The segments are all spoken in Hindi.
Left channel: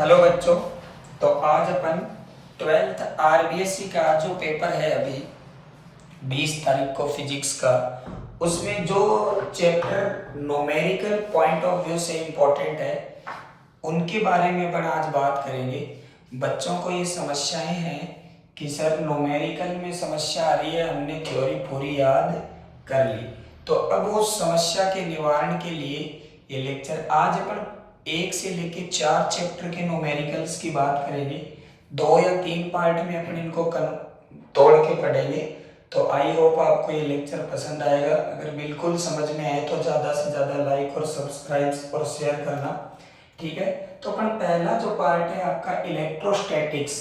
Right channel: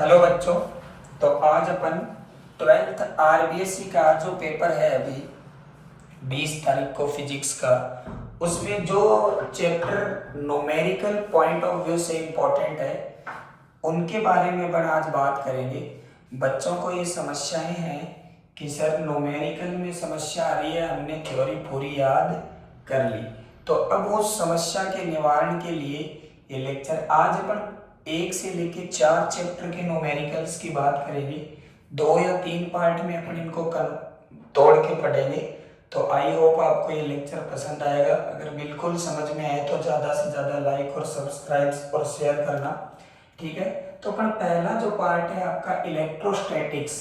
हेलो बच्चों। तो आज अपन 12th आरबीएससी का जो पेपर है अभी 20 तारीख को फिजिक्स का, उसमें जो chapter numerical point of view से इम्पोर्टेंट है उनके बारे में अपन आज बात करेंगे। बच्चों को ये समस्याएं हैं कि सर न्यूमेरिकल में समस्या आ रही है, हमने थ्योरी पूरी याद कर ली, तो अब उस समस्या के निवारण के लिए ये लेक्चर आज अपन 1 से लेके 4 चैप्टर के न्यूमेरिकल्स की बात करेंगे। 2 या 3 पार्ट में अपन इनको तोड़ के पढ़ेंगे। तो आई होप आपको ये लेक्चर पसंद आएगा। अगर बिल्कुल समझ में आए तो ज़्यादा से ज़्यादा लाइक और सब्सक्राइब और शेयर करना, ठीक है। तो अपन पहला जो पार्ट है आपका इलेक्ट्रोस्टैटिक्स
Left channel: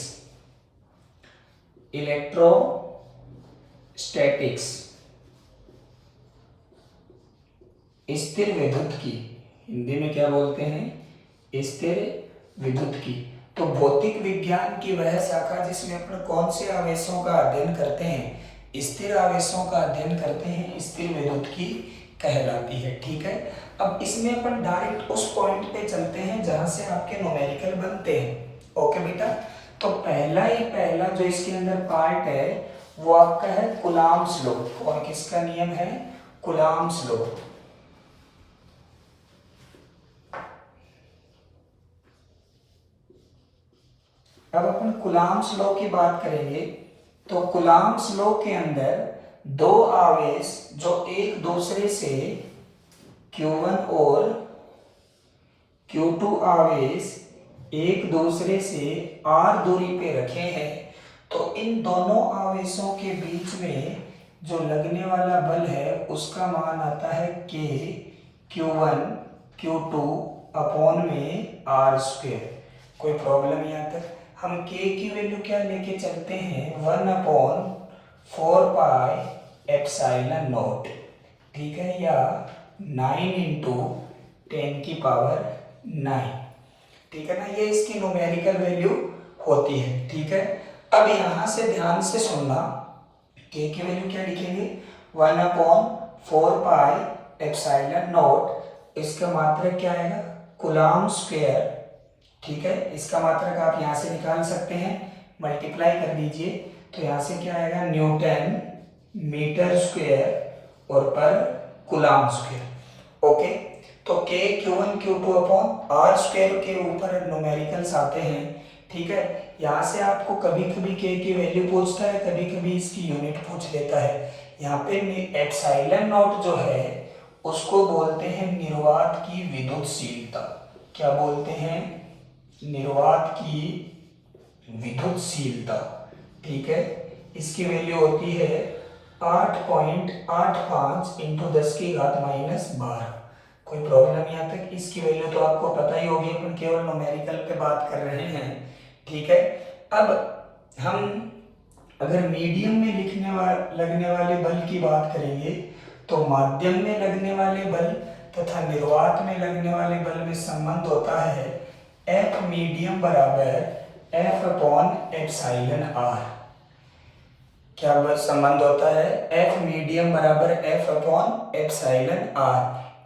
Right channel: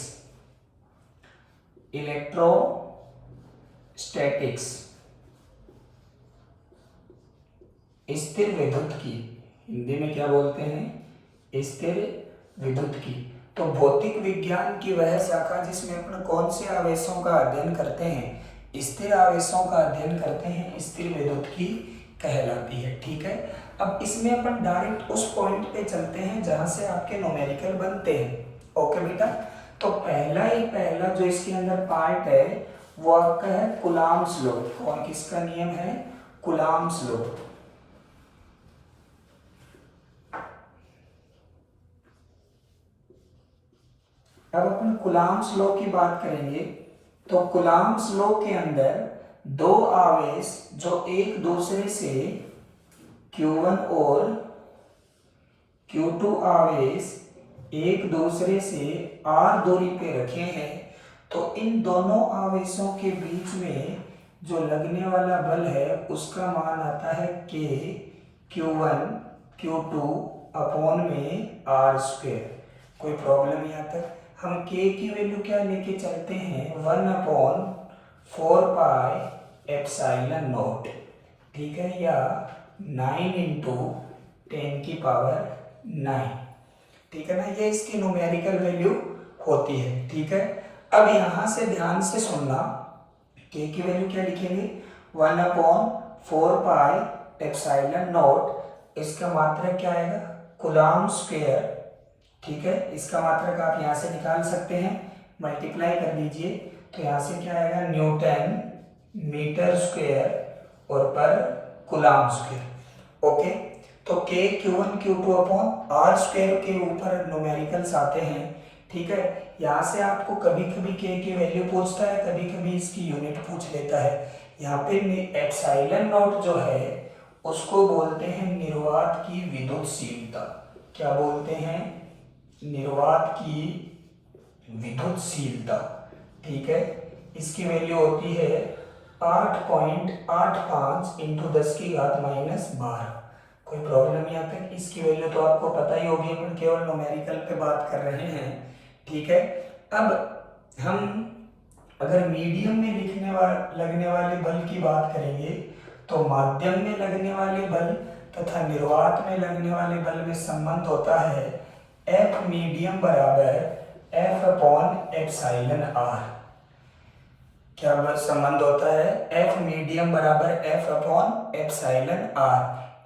स्थिर विद्युत की, हिंदी में क्या बोलते हैं, स्थिर विद्युत की। तो भौतिक विज्ञान की वह शाखा जिसमें अपन कौन से आवेशों का अध्ययन करते हैं, स्थिर आवेशों का अध्ययन करते हैं, स्थिर विद्युत की कहलाती है, ठीक है। अब इसमें अपन डायरेक्ट उस पॉइंट पे चलते हैं जहां से आपके न्यूमेरिकल बनते हैं। ओके बेटा, तो पहला जो इसके अंदर पार्ट है वो आपका है कूलम्ब्स लॉ। कौन किसका नियम है? Coulomb's law. अब अपन कूलम्ब्स लॉ की बात करेंगे। तो कूलम्ब्स लॉ के अंदर दो आवेश जो एक दूसरे से Q1 और Q2 आवेश एक दूसरे से R दूरी पे रखे हैं, तो इन दोनों आवेशों के बीच में जो लगने वाला बल है उसका मान आता है K Q1 Q2 अपॉन में R²। कोई प्रॉब्लम यहाँ तक? हम K की वैल्यू क्या लेके चलते हैं, 1/4πε0, ठीक है, या 9×10⁹, ठीक है ना। ये इसकी न्यूमेरिकल वैल्यू होती है, ठीक है। अब यहां से ध्यान से सुनना, K की वैल्यू क्या लिखेंगे, 1/4πε0, इसका मात्रक क्या आएगा, कूलम्ब स्क्वायर, ठीक है। इसका मात्रक आप यहां से निकाल सकते हैं, मल्टीप्लाई कर दीजिए, तो यहां से क्या आएगा, न्यूटन मीटर स्क्वायर और पर कूलम्ब स्क्वायर। ओके, तो K Q1 Q2 upon R² के ऊपर न्यूमेरिकल्स आते हैं, ठीक है। यहाँ से आपको कभी कभी K की वैल्यू पूछता है, कभी कभी इसकी यूनिट पूछ लेता है। यहाँ पे ε0 जो है उसको बोलते हैं निर्वात की विद्युतशीलता। क्या बोलते हैं? निर्वात की विद्युतशीलता, ठीक है। इसकी वैल्यू होती है 8.85 × 10⁻12। कोई प्रॉब्लम यहाँ तक? इसकी वैल्यू तो आपको पता ही होगी, अपन केवल न्यूमेरिकल पे बात कर रहे हैं, ठीक है। अब हम अगर मीडियम में लगने वाले बल की बात करेंगे तो माध्यम में लगने वाले बल तथा निर्वात में लगने वाले बल में संबंध होता है F मीडियम बराबर F/εr। क्या संबंध होता है? F मीडियम बराबर F/εr।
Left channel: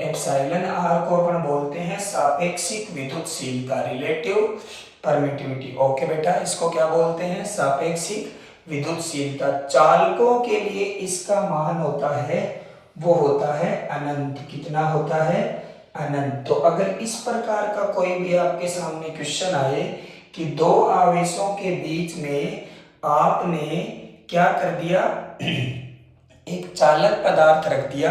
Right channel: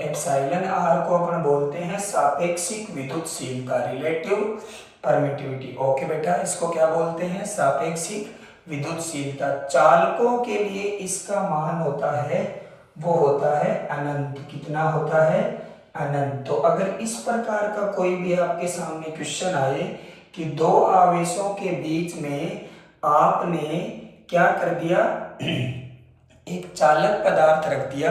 एप्सिलॉन आर को अपन बोलते हैं सापेक्षिक विद्युतशीलता, रिलेटिव परमिटिविटी। ओके बेटा, इसको क्या बोलते हैं? सापेक्षिक विद्युतशीलता। चालकों के लिए इसका मान होता है, वो होता है अनंत। कितना होता है? अनंत। तो अगर इस प्रकार का कोई भी आपके सामने क्वेश्चन आए कि दो आवेशों के बीच में आपने क्या कर दिया, एक चालक पदार्थ रख दिया,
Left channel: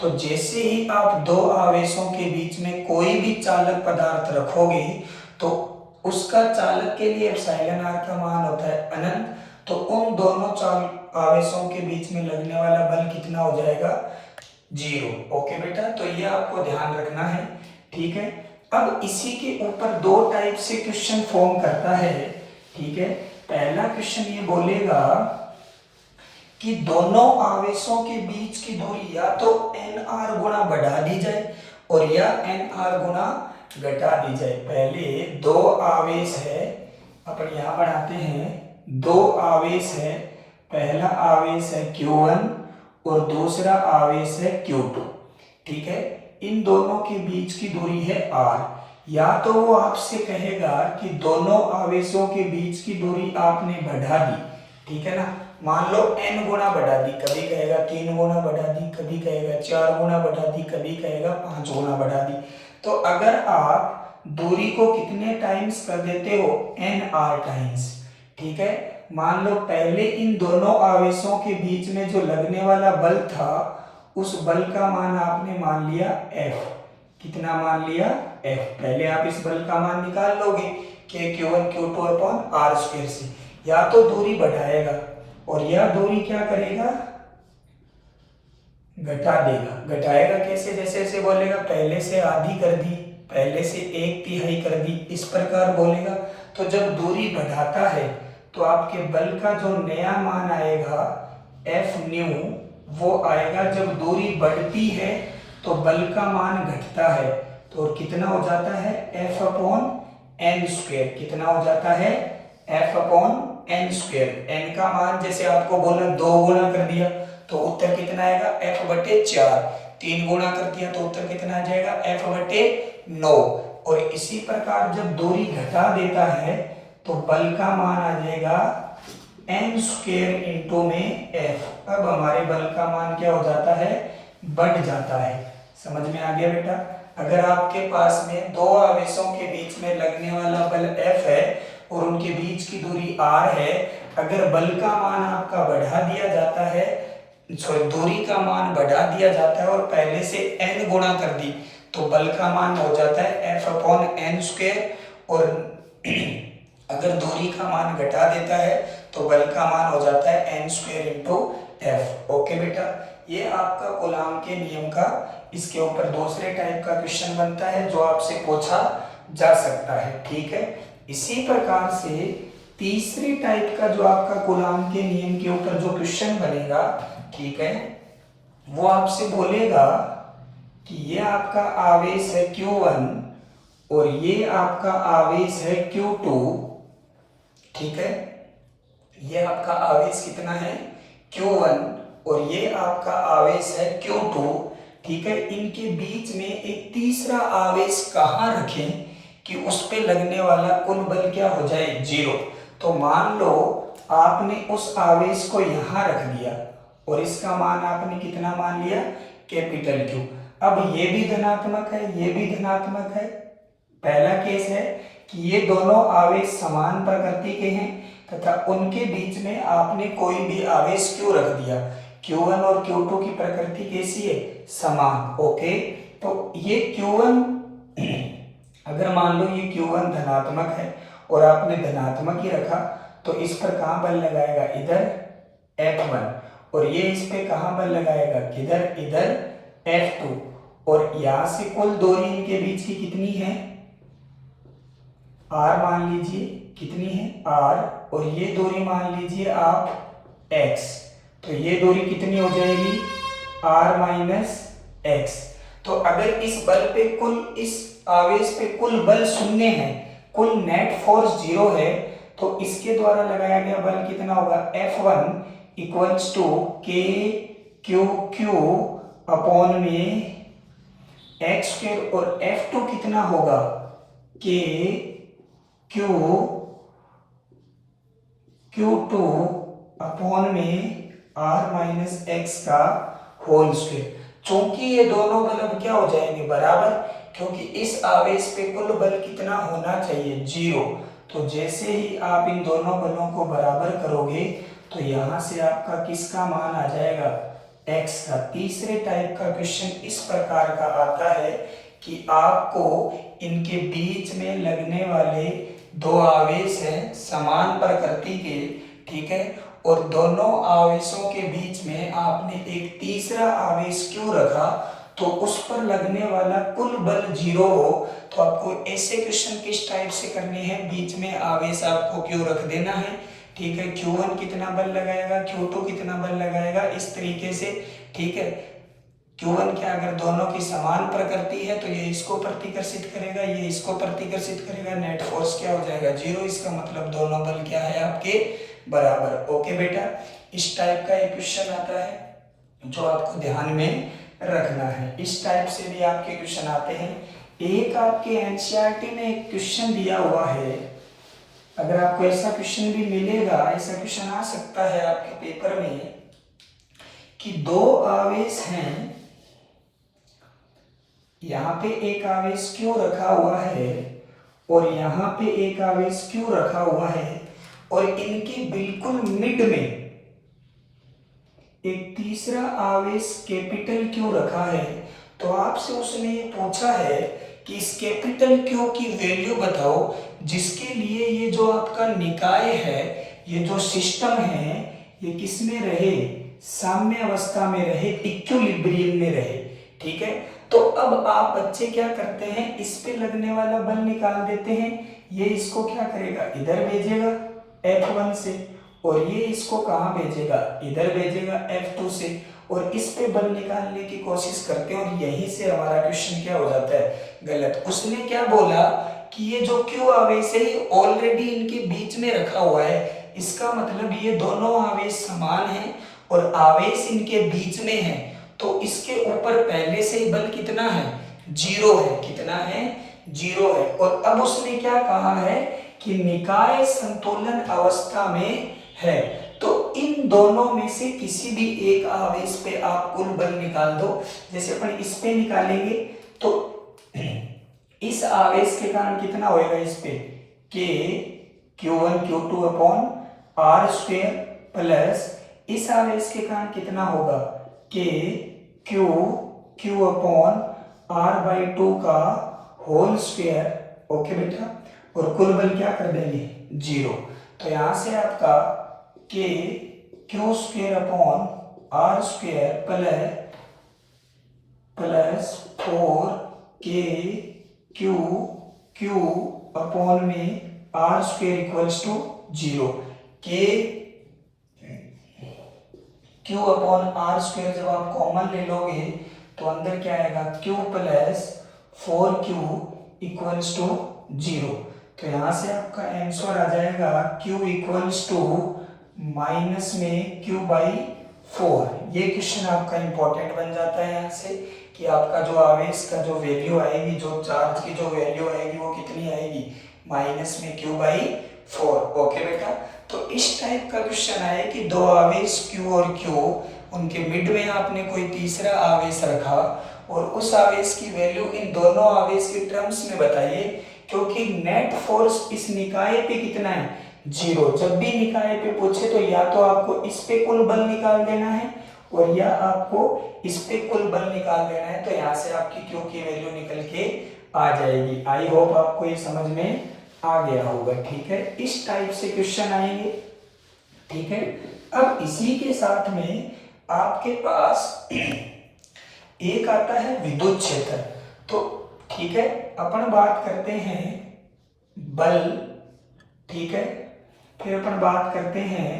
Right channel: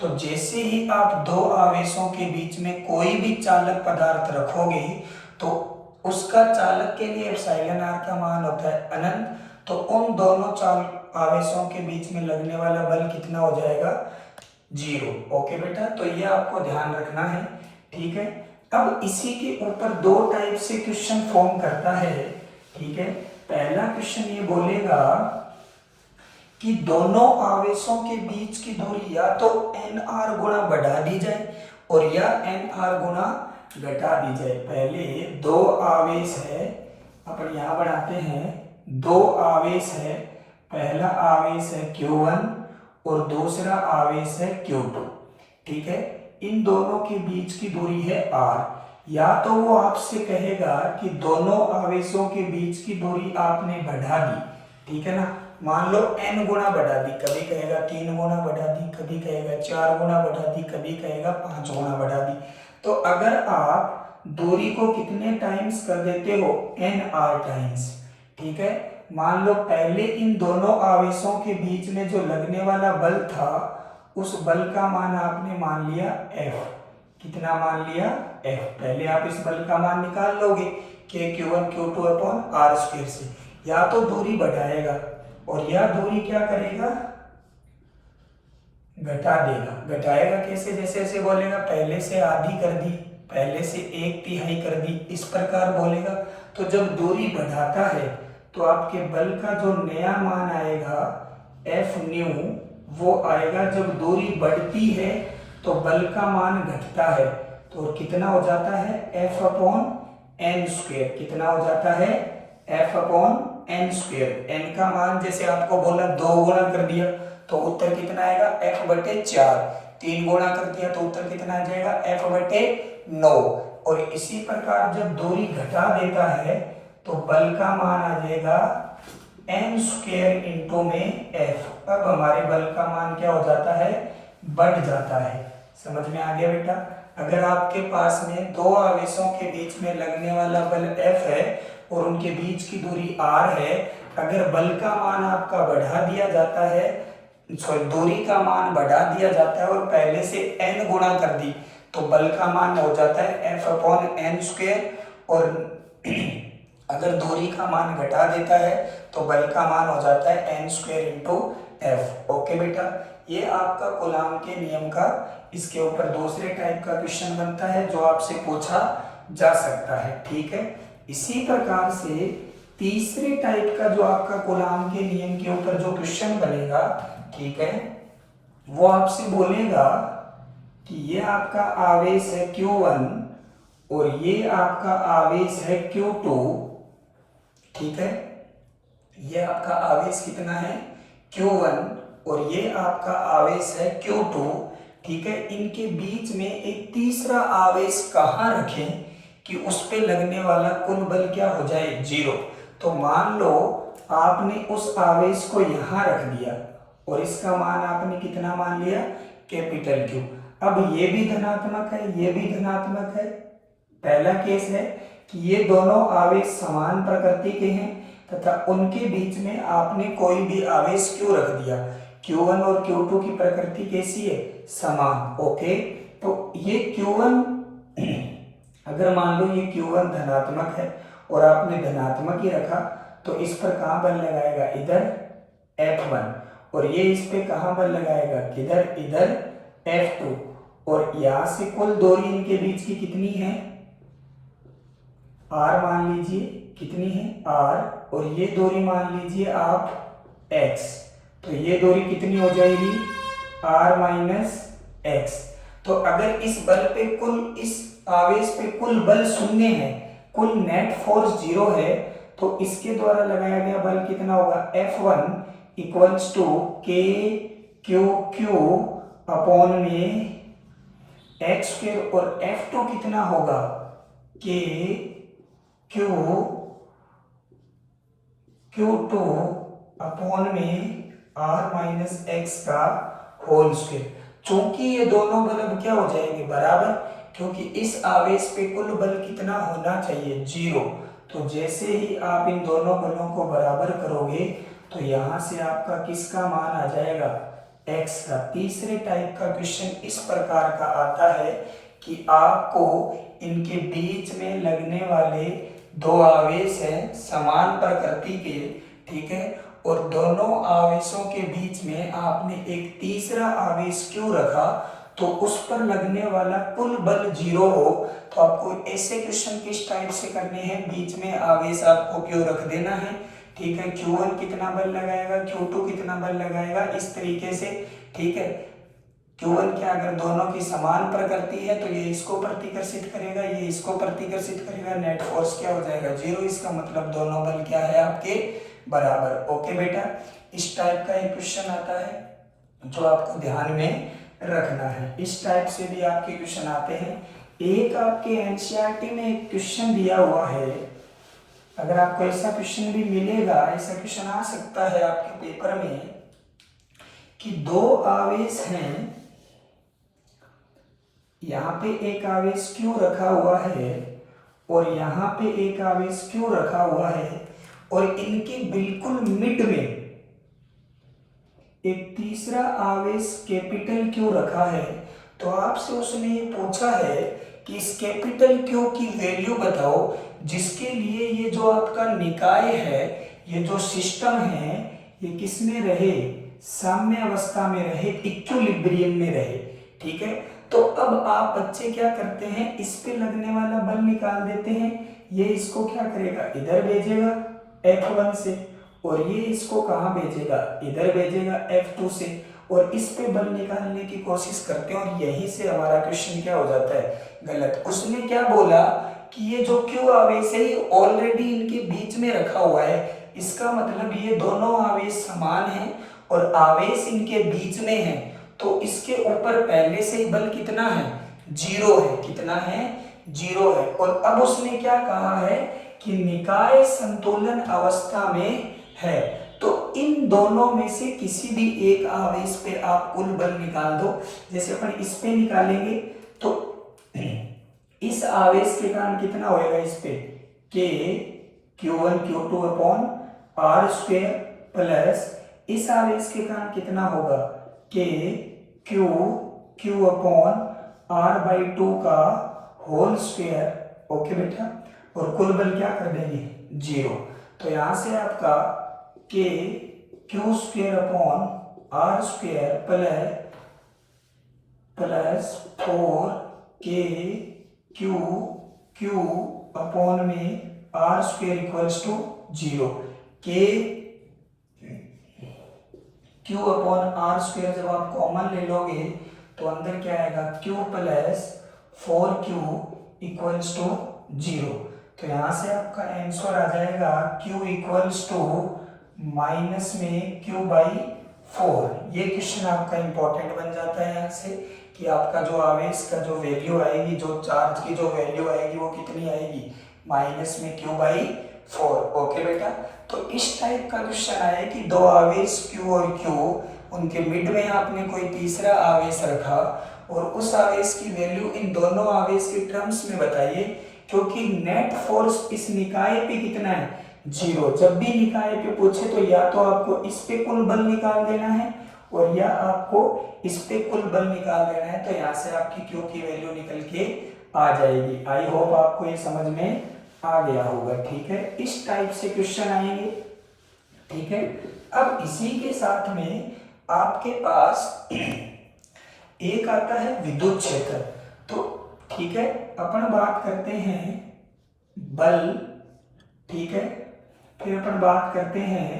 तो जैसे ही आप दो आवेशों के बीच में कोई भी चालक पदार्थ रखोगे तो उसका चालक के लिए एप्सिलॉन आर का मान होता है अनंत। तो उन दोनों आवेशों के बीच में लगने वाला बल कितना हो जाएगा? 0। ओके बेटा, तो ये आपको ध्यान रखना है, ठीक है। अब इसी के ऊपर दो टाइप से क्वेश्चन फॉर्म करता है, ठीक है। पहला क्वेश्चन ये बोलेगा कि दोनों आवेशों के बीच की दूरी या तो nr गुना बढ़ा दी जाए और या nr गुना घटा दी जाए। पहले दो आवेश है, अपन यहां बढ़ाते हैं, दो आवेश है, पहला आवेश है Q1 और दूसरा आवेश है Q2, ठीक है। इन दोनों के बीच की दूरी है r। या तो वो आपसे कहेगा कि दोनों आवेशों के बीच की दूरी आपने बढ़ा दी, ठीक है ना, मान लो n गुना बढ़ा दी, कभी कहेगा 3 गुना बढ़ा दी, कभी कहेगा 4 गुना बढ़ा दी, कभी कहेगा 5 गुना बढ़ा दी। तो अगर आप दूरी को कितने टाइम्स कर देते हो, nr टाइम्स, ठीक है, मान लो पहले इन दोनों आवेशों के बीच में जो लगने वाला बल था उस बल का मान आपने मान लिया F, कितना मान लिया F। पहले आप इस बल का मान निकाल लोगे कि Q1 Q2 upon R square से, या तो दूरी बढ़ाएगा और या दूरी क्या करेगा, घटा देगा। घटाएगा कैसे, जैसे ऐसे बोलेगा पहले से आधी कर दी, पहले से 1/3 कर दी, इस प्रकार बोलेगा। तो जब दूरी बढ़ाता है तो आपके बल का जो नया मान आएगा F न्यू, वो आएगा जब दूरी बढ़ती है तो बल का मान घटता है, तो कितना हो जाता है F अपॉन n स्क्वायर, कितना हो जाता है F upon n square. n का मान जैसे आपको बोला 2 गुना कर दिया तो उत्तर कितना आएगा F बटे 4, 3 गुना कर दिया तो उत्तर कितना आ जाएगा F बटे 9। और इसी प्रकार जब दूरी घटा देता है तो बल का मान आ जाएगा n स्क्वायर इंटू में F। अब हमारे बल का मान क्या हो जाता है, बढ़ जाता है। समझ में आ गया बेटा। अगर आपके पास में दो आवेशों के बीच में लगने वाला बल F है और उनके बीच की दूरी R है, अगर बल का मान आपका बढ़ा दिया जाता है, सॉरी दूरी का मान बढ़ा दिया जाता है और पहले से n गुणा कर दी, तो बल का मान हो जाता है F अपॉन n स्क्वायर। और अगर दूरी का मान घटा देता है तो बल का मान हो जाता है n square into F। Okay बेटा, ये आपका कूलाम के नियम का इसके ऊपर दूसरे टाइप का क्वेश्चन बनता है जो आपसे पूछा जा सकता है, ठीक है। इसी प्रकार से तीसरे टाइप का जो आपका कूलाम के नियम के ऊपर जो क्वेश्चन बनेगा, ठीक है, वो आपसे बोलेगा कि ये आपका आवेश है Q1 और ये आपका आवेश है Q2, ठीक है, ये आपका आवेश कितना है Q1 और ये आपका आवेश है Q2, ठीक है। इनके बीच में एक तीसरा आवेश कहाँ रखें कि उस पे लगने वाला कुल बल क्या हो जाए, 0। तो मान लो आपने उस आवेश को यहाँ रख दिया और इसका मान आपने कितना मान लिया, कैपिटल Q। अब ये भी धनात्मक है, ये भी धनात्मक है। पहला केस है कि ये दोनों आवेश समान प्रकृति के हैं तथा उनके बीच में आपने कोई भी आवेश क्यों रख दिया, Q1 और Q2 की प्रकृति कैसी है, समान। ओके, तो ये Q1 अगर मान लो ये Q1 धनात्मक है और आपने धनात्मक ही रखा तो इस पर कहाँ बल लगाएगा, इधर F1, और ये इस पे कहाँ बल लगाएगा, किधर, इधर F2। और यहां से कुल दूरी इनके बीच की कितनी है, R मान लीजिए, कितनी है R, और ये दूरी मान लीजिए आप X, तो ये दूरी कितनी हो जाएगी R माइनस X। तो अगर इस बल पे कुल, इस आवेश पे कुल बल शून्य है, कुल नेट फोर्स 0 है, तो इसके द्वारा लगाया गया बल कितना होगा, F1 equals to KQQ upon में x स्क्वायर, और F2 कितना होगा, Q2 अपॉन में R माइनस एक्स का होल स्क्वायर। चूंकि ये दोनों बल अब क्या हो जाएंगे, बराबर, क्योंकि इस आवेश पे कुल बल कितना होना चाहिए, 0। तो जैसे ही आप इन दोनों बलों को बराबर करोगे तो यहां से आपका किसका मान आ जाएगा, x का। तीसरे टाइप का क्वेश्चन इस प्रकार का आता है कि आपको इनके बीच में लगने वाले दो आवेश हैं समान प्रकृति के, ठीक है, और दोनों आवेशों के बीच में आपने एक तीसरा आवेश क्यों रखा, तो उस पर लगने वाला कुल बल 0 हो। तो आपको ऐसे क्वेश्चन किस टाइप से करने हैं, बीच में आवेश आपको क्यों रख देना है, ठीक है। Q1 कितना बल लगाएगा, Q2 कितना बल लगाएगा, इस तरीके से, ठीक है। Q1 क्या, अगर दोनों की समान प्रकृति है तो ये इसको प्रतिकर्षित करेगा, ये इसको प्रतिकर्षित करेगा, नेट फोर्स क्या हो जाएगा, 0। इसका मतलब दोनों बल क्या है आपके, बराबर। ओके बेटा, इस टाइप का एक क्वेश्चन आता है जो आपको ध्यान में रखना है। इस टाइप से भी आपके क्वेश्चन आते हैं। एक आपके एनसीईआरटी में एक क्वेश्चन दिया हुआ है, अगर आपको ऐसा क्वेश्चन भी मिलेगा, ऐसा क्वेश्चन आ सकता है आपके पेपर में कि दो आवेश हैं, यहाँ पे एक आवेश क्यों रखा हुआ है और यहाँ पे एक आवेश क्यों रखा हुआ है, और इनके बिल्कुल मिड में एक तीसरा आवेश कैपिटल क्यों रखा है। तो आपसे उसने ये पूछा है कि इस कैपिटल क्यू की वैल्यू बताओ जिसके लिए ये जो आपका निकाय है, ये जो सिस्टम है, ये किस में रहे, साम्य अवस्था में रहे, इक्विलिब्रियम में रहे। ठीक है, तो अब आप बच्चे क्या करते हैं, इस पे लगने वाला बल निकाल देते हैं। ये इसको क्या करेगा, इधर भेजेगा F1 से, और ये इसको कहाँ भेजेगा, इधर भेजेगा F2 से, और इस पे बल निकालने की कोशिश करते हैं, और यहीं से हमारा क्वेश्चन क्या हो जाता है, गलत। उसने क्या बोला कि ये जो क्यू आवेश है ये ऑलरेडी इनके बीच में रखा हुआ है, इसका मतलब ये दोनों आवेश समान हैं और आवेश इनके बीच में है, तो इसके ऊपर पहले से ही बल कितना है, 0 है। कितना है, 0 है। और अब उसने क्या कहा है कि निकाय संतुलन अवस्था में है, तो इन दोनों में से किसी भी एक आवेश पे आप कुल बल निकाल दो। जैसे अपन इस पे निकालेंगे तो इस आवेश के कारण कितना होएगा, इस पे K Q1 Q2 upon R square plus इस आवेश के कारण कितना होगा, K Q अपॉन R/2 का होल स्क्वायर। ओके बेटा, और कुल बल क्या कर देंगे, 0। तो यहां से आपका K Q square upon R square plus 4K Q upon में R square equals to 0। K Q अपॉन R स्क्वायर जब आप कॉमन ले लोगे तो अंदर क्या आएगा, Q plus 4Q equals to 0। तो यहाँ से आपका आंसर आ जाएगा Q इक्वल्स टू माइनस में Q/4। ये क्वेश्चन आपका इंपॉर्टेंट बन जाता है यहाँ से कि आपका जो आवेश का जो वैल्यू आएगी, जो चार्ज की जो वैल्यू आएगी वो कितनी आएगी, माइनस में Q/4। ओके बेटा, तो इस टाइप का क्वेश्चन आए कि दो आवेश Q और Q, उनके मिड में आपने कोई तीसरा आवेश रखा और उस आवेश की वैल्यू इन दोनों आवेश के टर्म्स में बताइए, क्योंकि नेट फोर्स इस निकाय पे कितना है, 0। जब भी निकाय पे पूछे तो या तो आपको इस पे कुल बल निकाल देना है और या आपको इस पे कुल बल निकाल देना है, तो यहाँ से आपकी Q की वैल्यू निकल के आ जाएगी। आई होप आपको ये समझ में आ गया होगा। ठीक है, इस टाइप से क्वेश्चन आएंगे। ठीक है, अब इसी के साथ में आपके पास एक आता है विद्युत क्षेत्र। तो ठीक है, अपन बात करते हैं बल, ठीक है, फिर अपन बात करते हैं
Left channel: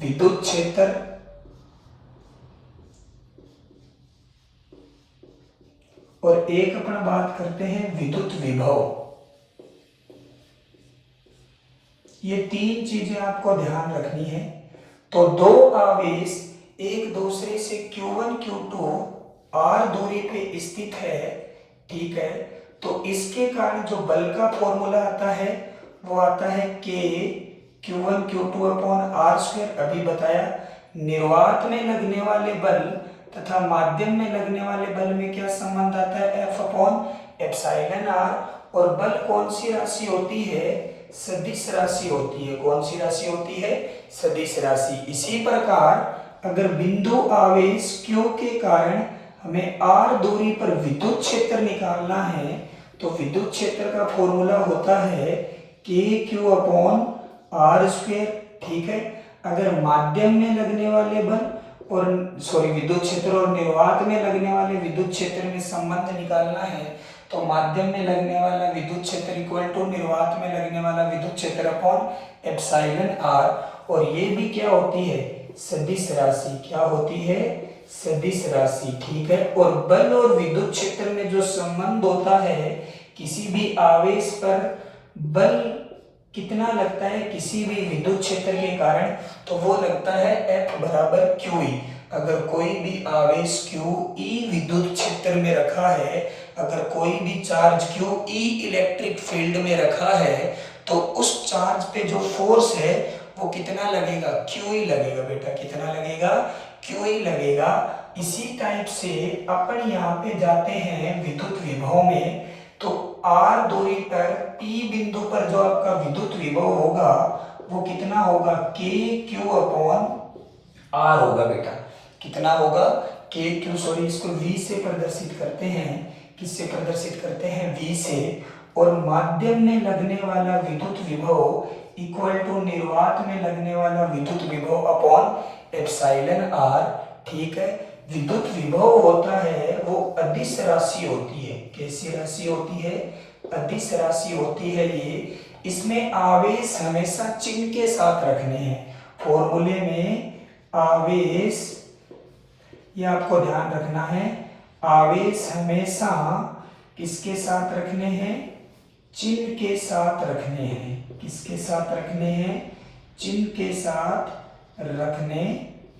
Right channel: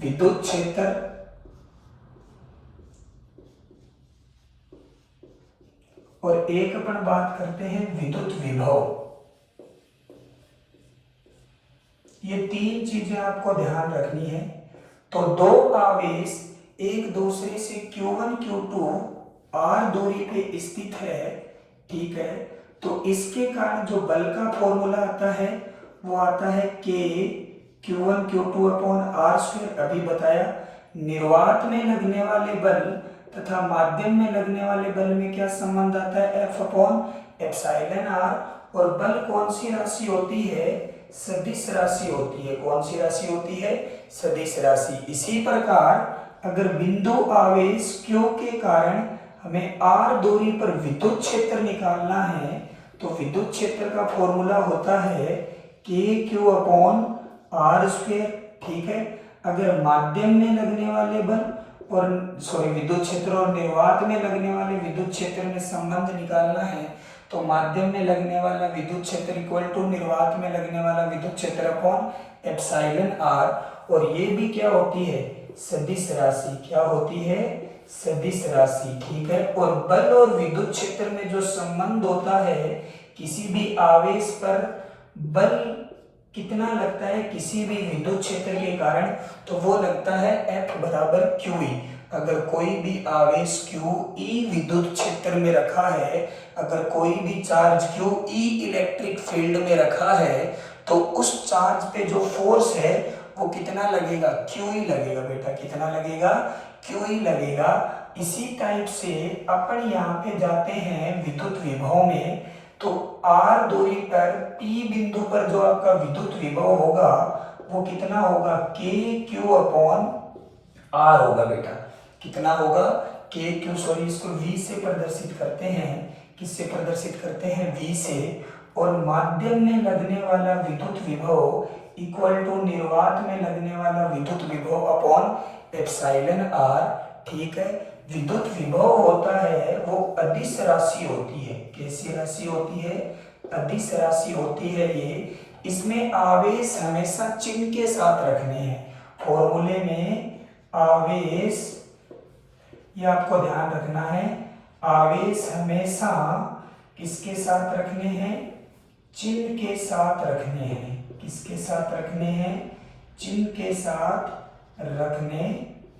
विद्युत क्षेत्र, और एक अपन बात करते हैं विद्युत विभव। ये तीन चीजें आपको ध्यान रखनी है। तो दो आवेश एक दूसरे से Q1 Q2 R दूरी पे स्थित है, ठीक है, तो इसके कारण जो बल का फॉर्मूला आता है वो आता है K Q1 Q2 upon R square. अभी बताया, निर्वात में लगने वाले बल तथा माध्यम में लगने वाले बल में क्या संबंध आता है, F अपॉन एप्सिलॉन R। और बल कौन सी राशि होती है, सदिश राशि होती है। कौन सी राशि होती है, सदिश राशि। इसी प्रकार अगर बिंदु आवेश Q के कारण हमें R दूरी पर विद्युत क्षेत्र निकालना है तो विद्युत क्षेत्र का फॉर्मूला होता है KQ अपॉन R स्क्वायर। ठीक है, अगर माध्यम में लगने वाले बल और विद्युत क्षेत्र और निर्वात में लगने वाले विद्युत क्षेत्र में संबंध निकालना है तो माध्यम में लगने वाला विद्युत क्षेत्र इक्वल टू निर्वात में लगने वाला विद्युत क्षेत्र अपॉन एप्सिलॉन R। और ये भी क्या होती है, सदिश राशि। क्या होती है, सदिश राशि। ठीक है, और बल और विद्युत क्षेत्र में जो संबंध होता है, किसी भी आवेश पर बल कितना लगता है किसी भी विद्युत क्षेत्र के कारण, तो वो लगता है F बराबर QE। अगर कोई भी आवेश Q E विद्युत क्षेत्र में रखा है, अगर कोई भी charge Q E electric field में रखा है, तो उस चार्ज पे जो फोर्स है वो कितना लगेगा, QE लगेगा बेटा। कितना लगेगा, QE लगेगा। इसी टाइप से अपन यहाँ पे जाते हैं विद्युत विभव में, तो R दूरी पर P बिंदु पर जो आपका विद्युत विभव होगा वो कितना होगा, KQ अपॉन R होगा बेटा। कितना होगा, KQ, सॉरी इसको V से प्रदर्शित करते हैं। किससे प्रदर्शित करते हैं, V से। और माध्यम में लगने वाला विद्युत विभव इक्वल टू निर्वात में लगने वाला विद्युत विभव अपॉन एप्सिलॉन R। ठीक है, विद्युत विभव होता है वो अदिश राशि होती है। कैसी राशि होती है, अदिश राशि होती है ये। इसमें आवेश हमेशा चिन्ह के साथ रखने हैं। फॉर्मूले में आवेश, ये आपको ध्यान रखना है, आवेश हमेशा किसके साथ रखने हैं, चिन्ह के साथ रखने हैं। किसके साथ रखने हैं, चिन्ह के साथ रखने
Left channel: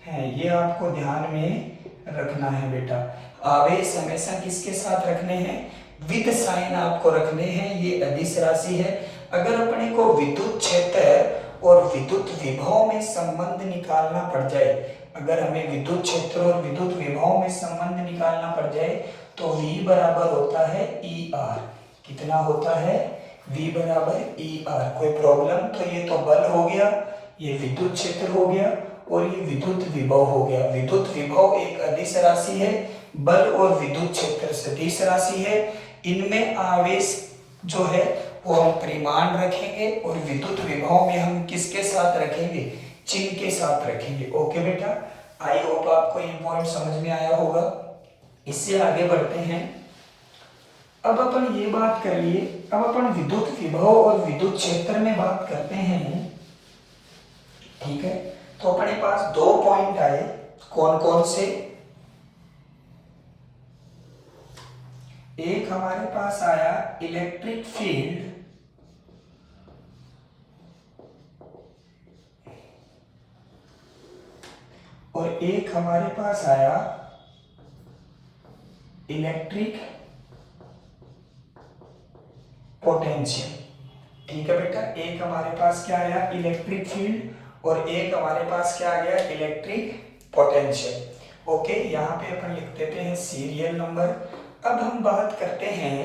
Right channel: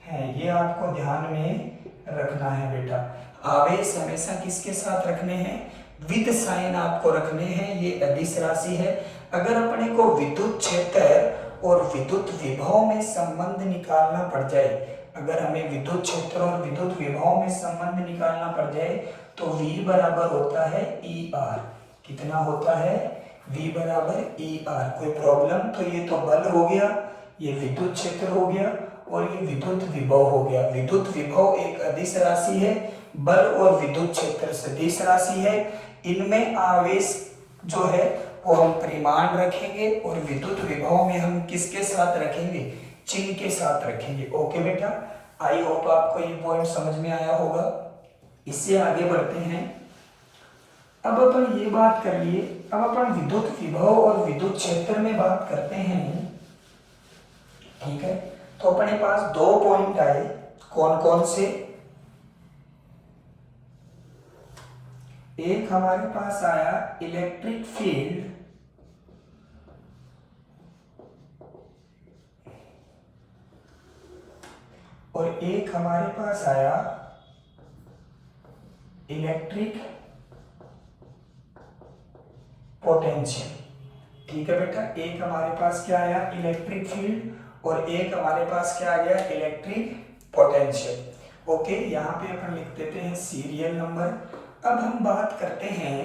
हैं। ये आपको ध्यान में रखना है बेटा। आवेश हमेशा किसके साथ रखने हैं, विद साइन आपको रखने हैं। ये अदिश राशि है। अगर अपने को विद्युत क्षेत्र और विद्युत विभव में संबंध निकालना पड़ जाए, अगर हमें विद्युत क्षेत्र और विद्युत विभव में संबंध निकालना पड़ जाए, तो V बराबर होता है ER। कितना होता है, V बराबर ER। कोई प्रॉब्लम, तो ये तो बल हो गया, ये विद्युत क्षेत्र हो गया और ये विद्युत विभव हो गया। विद्युत विभव एक अदिश राशि है, बल और विद्युत क्षेत्र सदिश राशि है। इनमें आवेश जो है वो हम परिमाण रखेंगे और विद्युत विभव में हम किसके साथ रखेंगे, चिन्ह के साथ रखेंगे। ओके बेटा, आई होप आपको ये पॉइंट समझ में आया होगा। इससे आगे बढ़ते हैं। अब अपन ये बात कर लिए, अब अपन विद्युत विभव और विद्युत क्षेत्र में बात करते हैं। ठीक है, तो अपने पास दो पॉइंट आए, कौन कौन से, एक हमारे पास आया इलेक्ट्रिक फील्ड और एक हमारे पास आया इलेक्ट्रिक पोटेंशियल। ठीक है बेटा, एक हमारे पास क्या आया, इलेक्ट्रिक फील्ड और एक हमारे पास क्या आ गया, इलेक्ट्रिक पोटेंशियल। ओके, यहाँ पे अपन लिख देते हैं सीरियल नंबर। अब हम बात करते हैं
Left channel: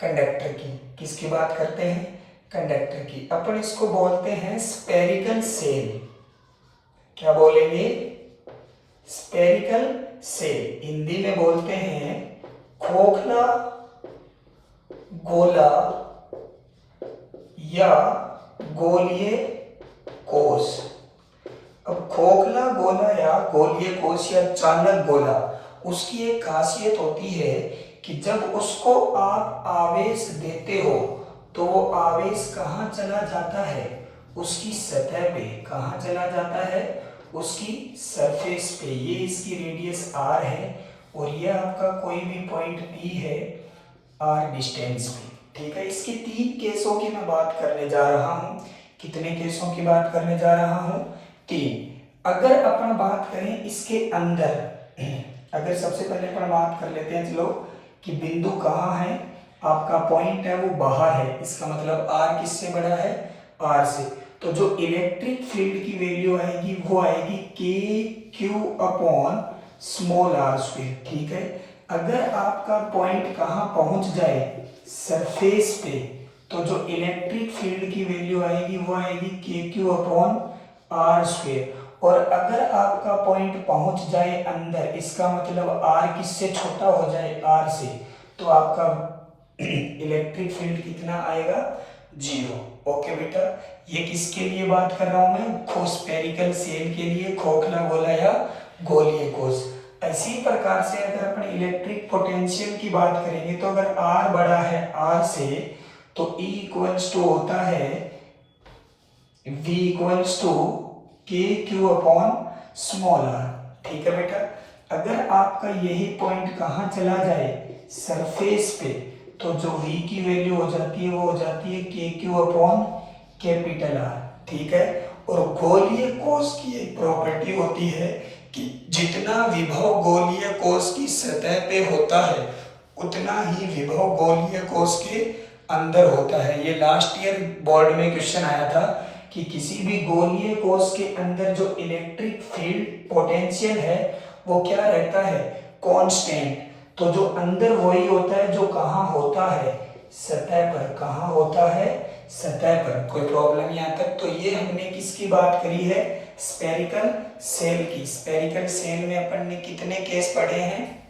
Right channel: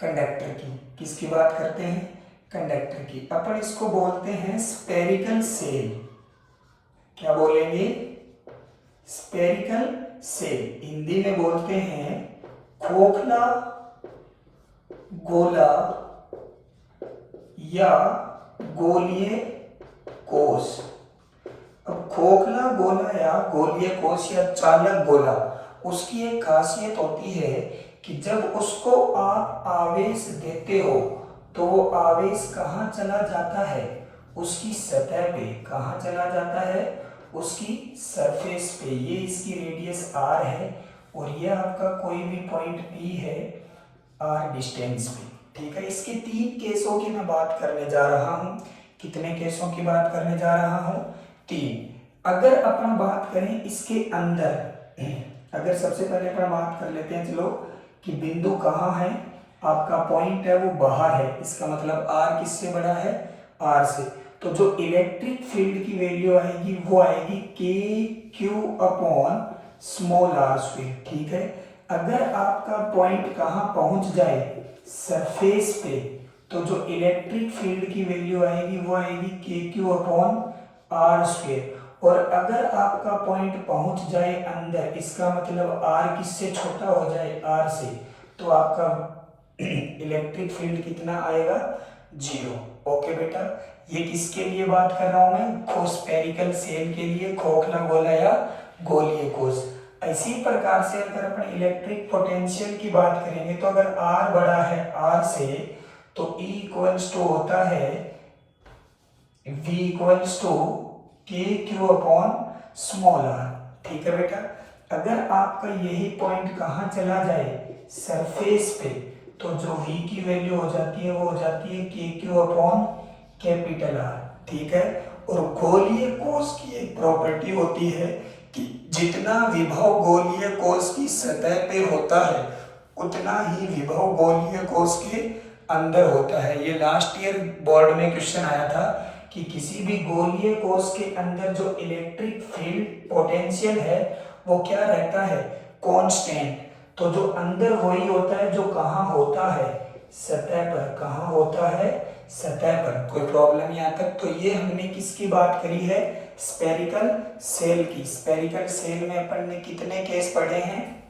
कंडक्टर की। किसकी बात करते हैं, कंडक्टर की। अपन इसको बोलते हैं स्फेरिकल सेल। क्या बोलेंगे, स्फेरिकल सेल। हिंदी में बोलते हैं खोखला गोला या गोलीय कोश। अब खोखला गोला या गोलीय कोश या चालक गोला, उसकी एक खासियत होती है कि जब उसको आप आवेश देते हो तो वो आवेश कहाँ चला जाता है, उसकी सतह पे। कहाँ चला जाता है, उसकी सरफेस पे। ये इसकी रेडियस R है और ये आपका कोई भी पॉइंट P है R डिस्टेंस पे। ठीक है, इसके तीन केसों की मैं बात करने जा रहा हूँ। कितने केसों की बात करने जा रहा हूँ, तीन। अगर अपन बात करें इसके अंदर, अगर सबसे पहले अपन बात कर लेते हैं चलो कि बिंदु कहाँ है, आपका पॉइंट है वो बाहर है, इसका मतलब R किससे बड़ा है, R से। तो जो इलेक्ट्रिक फील्ड की वैल्यू आएगी वो आएगी KQ upon small r square. ठीक है, अगर आपका पॉइंट कहाँ पहुंच जाए, सरफेस पे, तो जो इलेक्ट्रिक फील्ड की वैल्यू आएगी वो आएगी KQ अपॉन R स्क्वायर। और अगर आपका पॉइंट पहुंच जाए अंदर, इसका मतलब R किससे छोटा हो जाए, R से, तो आपका इलेक्ट्रिक फील्ड कितना आएगा, 0। ओके बेटा, ये किसके लिए बात कर रहा हूं मैं, स्फेरिकल सेल के लिए, खोखला गोला या गोलीय कोश। इसी प्रकार से अगर अपन इलेक्ट्रिक पोटेंशियल की बात करेंगे, तो अगर R बड़ा है R से, तो E इक्वल्स टू होता है V equals to KQ upon small r। ठीक है बेटा, अगर आपका यही पॉइंट कहाँ चला जाए, सरफेस पे, तो जो V की वैल्यू हो जाती है वो हो जाती है KQ अपॉन कैपिटल R। ठीक है, और गोलीय कोश की एक प्रॉपर्टी होती है कि जितना विभव गोलीय कोश की सतह पे होता है उतना ही विभव गोलीय कोश के अंदर होता है। ये लास्ट ईयर बोर्ड में क्वेश्चन आया था कि किसी भी गोलीय कोश के अंदर जो इलेक्ट्रिक फील्ड पोटेंशियल है वो क्या रहता है, कांस्टेंट। तो जो अंदर वही होता है जो कहाँ होता है, सतह पर। कहाँ होता है, सतह पर। कोई प्रॉब्लम यहाँ तक? तो ये हमने किसकी बात करी है, स्पेरिकल सेल की। स्पेरिकल सेल में अपन ने कितने केस पढ़े हैं,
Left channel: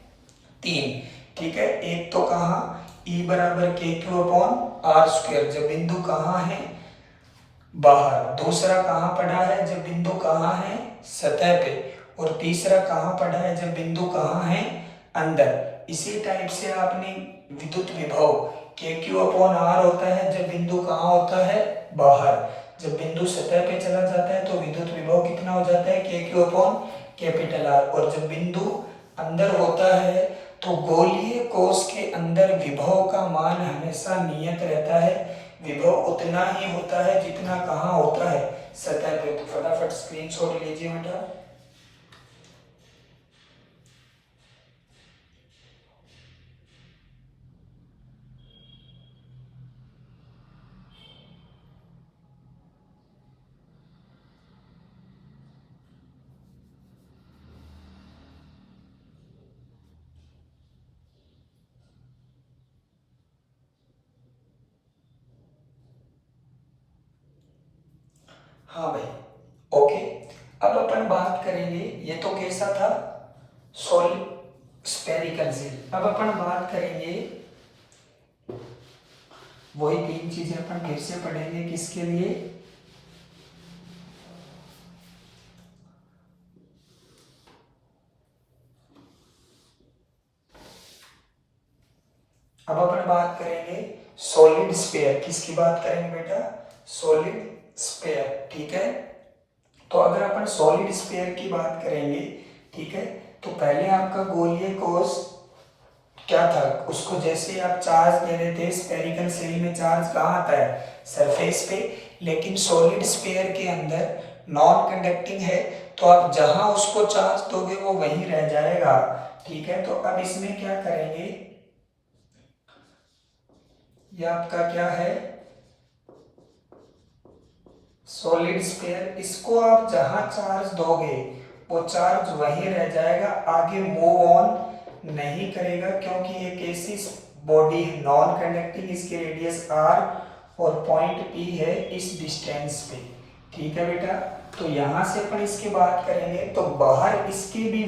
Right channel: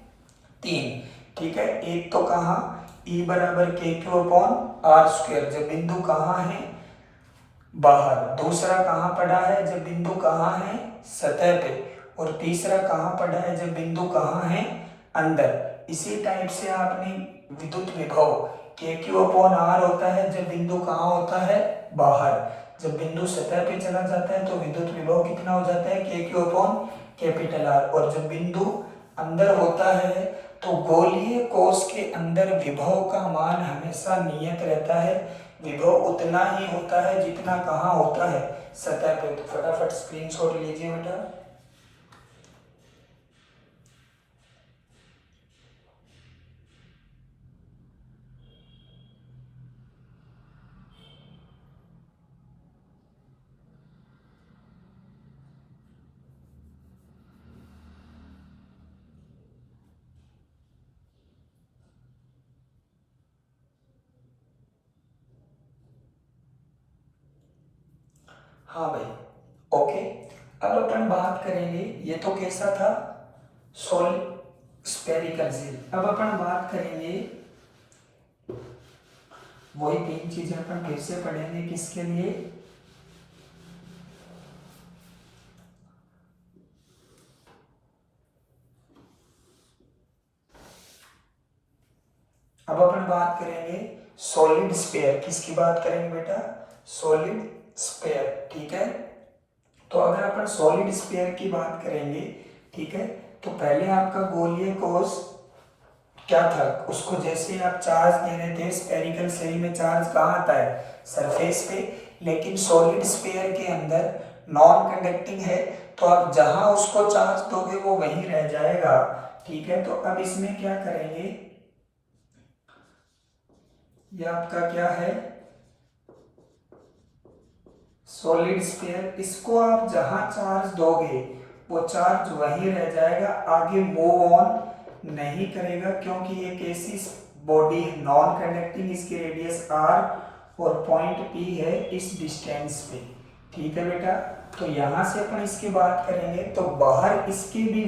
3। ठीक है, एक तो कहाँ, E बराबर KQ/R², जब बिंदु कहाँ है, बाहर। दूसरा कहाँ पढ़ा है, जब बिंदु कहाँ है, सतह पे। और तीसरा कहाँ पढ़ा है, जब बिंदु कहाँ है, अंदर। इसी टाइप से आपने विद्युत विभव KQ/R होता है जब बिंदु कहाँ होता है, बाहर। जब बिंदु सतह पे चला जाता है तो विद्युत विभव कितना हो जाता है, KQ/R। और जब बिंदु अंदर होता है तो गोलीय कोश के अंदर विभव का मान हमेशा नियत रहता है। विभव उतना ही होता है जितना कहाँ होता है, सतह पे। तो फटाफट स्क्रीनशॉट लीजिए बेटा। हाँ भाई, ओके। अब अपन बात करेंगे, ये तो कैसा था, सॉलिड स्फेरिकल सेल। अब अपन बात करेंगे, वही 3 चीजें अपन फिर से पढ़ेंगे, किसके लिए, अब अपन बात करेंगे सॉलिड स्फीयर। किसकी बात करेंगे बेटा, सॉलिड स्फीयर। ठीक है, तो अगर अपन सॉलिड स्फीयर की बात करेंगे, ठीक है, तो पहले आपका गोलीय कोश क्या था, उसको जैसे आप चार्ज दे रहे थे, स्फेरिकल सेल में चार्ज कहाँ आता है, सरफेस पे। लेकिन सॉलिड स्फीयर के अंदर नॉन कंडक्टिंग है, तो आप जहां उसको चार्ज दोगे वो वहीं रह जाएगा। ठीक है, तो अब इसमें क्या करेंगे, ये आपका क्या है, सॉलिड स्फीयर। इसको आप जहां चार्ज दोगे वो चार्ज वहीं रह जाएगा, आगे मूव ऑन नहीं करेगा, क्योंकि एक ऐसी बॉडी नॉन कंडक्टिंग, इसकी रेडियस r और पॉइंट P है इस डिस्टेंस पे। ठीक है बेटा, तो यहां से अपन इसकी बात करेंगे तो बाहर इसकी भी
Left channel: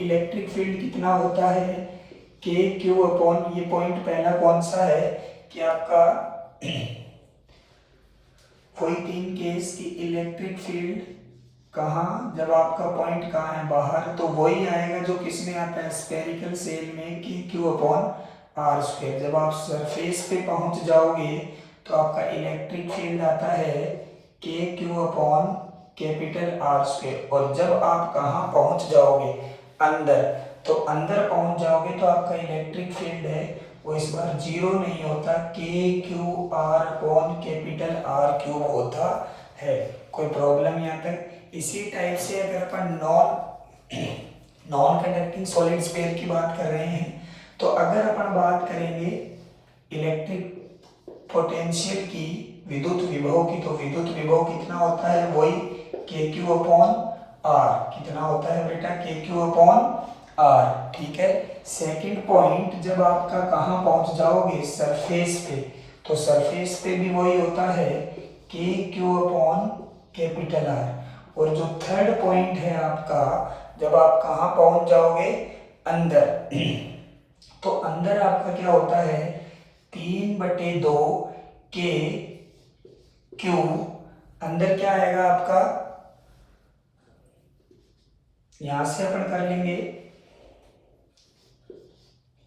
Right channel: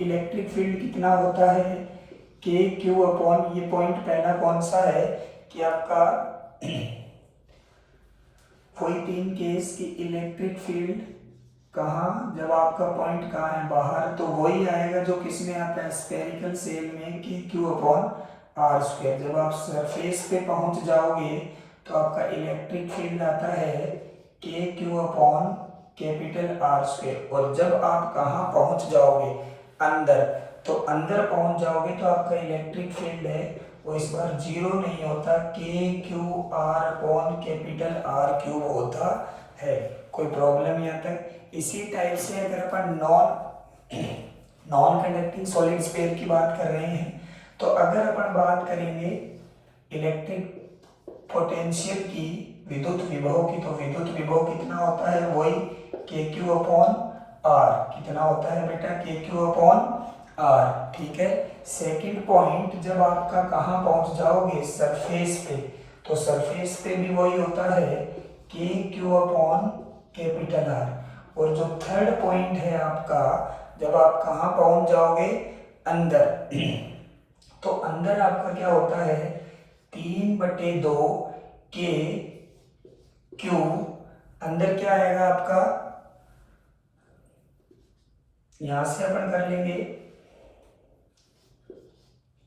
इलेक्ट्रिक फील्ड कितना होता है, KQ/, ये पॉइंट पहला कौन सा है कि आपका कोई 3 केस की इलेक्ट्रिक फील्ड कहाँ, जब आपका पॉइंट कहाँ है, बाहर, तो वही आएगा जो किसमें आता है, स्फेरिकल सेल में, KQ/R²। जब आप सरफेस पे पहुंच जाओगे तो आपका इलेक्ट्रिक फील्ड आता है KQ/R²। और जब आप कहाँ पहुंच जाओगे, अंदर, तो अंदर पहुंच जाओगे तो आपका इलेक्ट्रिक फील्ड है वो इस बार 0 नहीं होता, KQ/R3 होता है। कोई प्रॉब्लम यहाँ तक? इसी टाइप से अगर अपन नॉन कंडक्टिंग सॉलिड स्फीयर की बात कर रहे हैं, तो अगर अपन बात करेंगे इलेक्ट्रिक पोटेंशियल की, विद्युत विभव की, तो विद्युत विभव कितना होता है, वही KQ/R। कितना होता है बेटा, KQ/R। ठीक है, सेकंड पॉइंट, जब आपका कहाँ पहुंच जाओगे, सरफेस पे, तो सरफेस पे भी वही होता है KQ/R। और जो थर्ड पॉइंट है आपका, जब आप कहाँ पहुंच जाओगे, अंदर, तो अंदर आपका क्या होता है, 3/2 KQ। अंदर क्या आएगा आपका, यहां से अपन कर लेंगे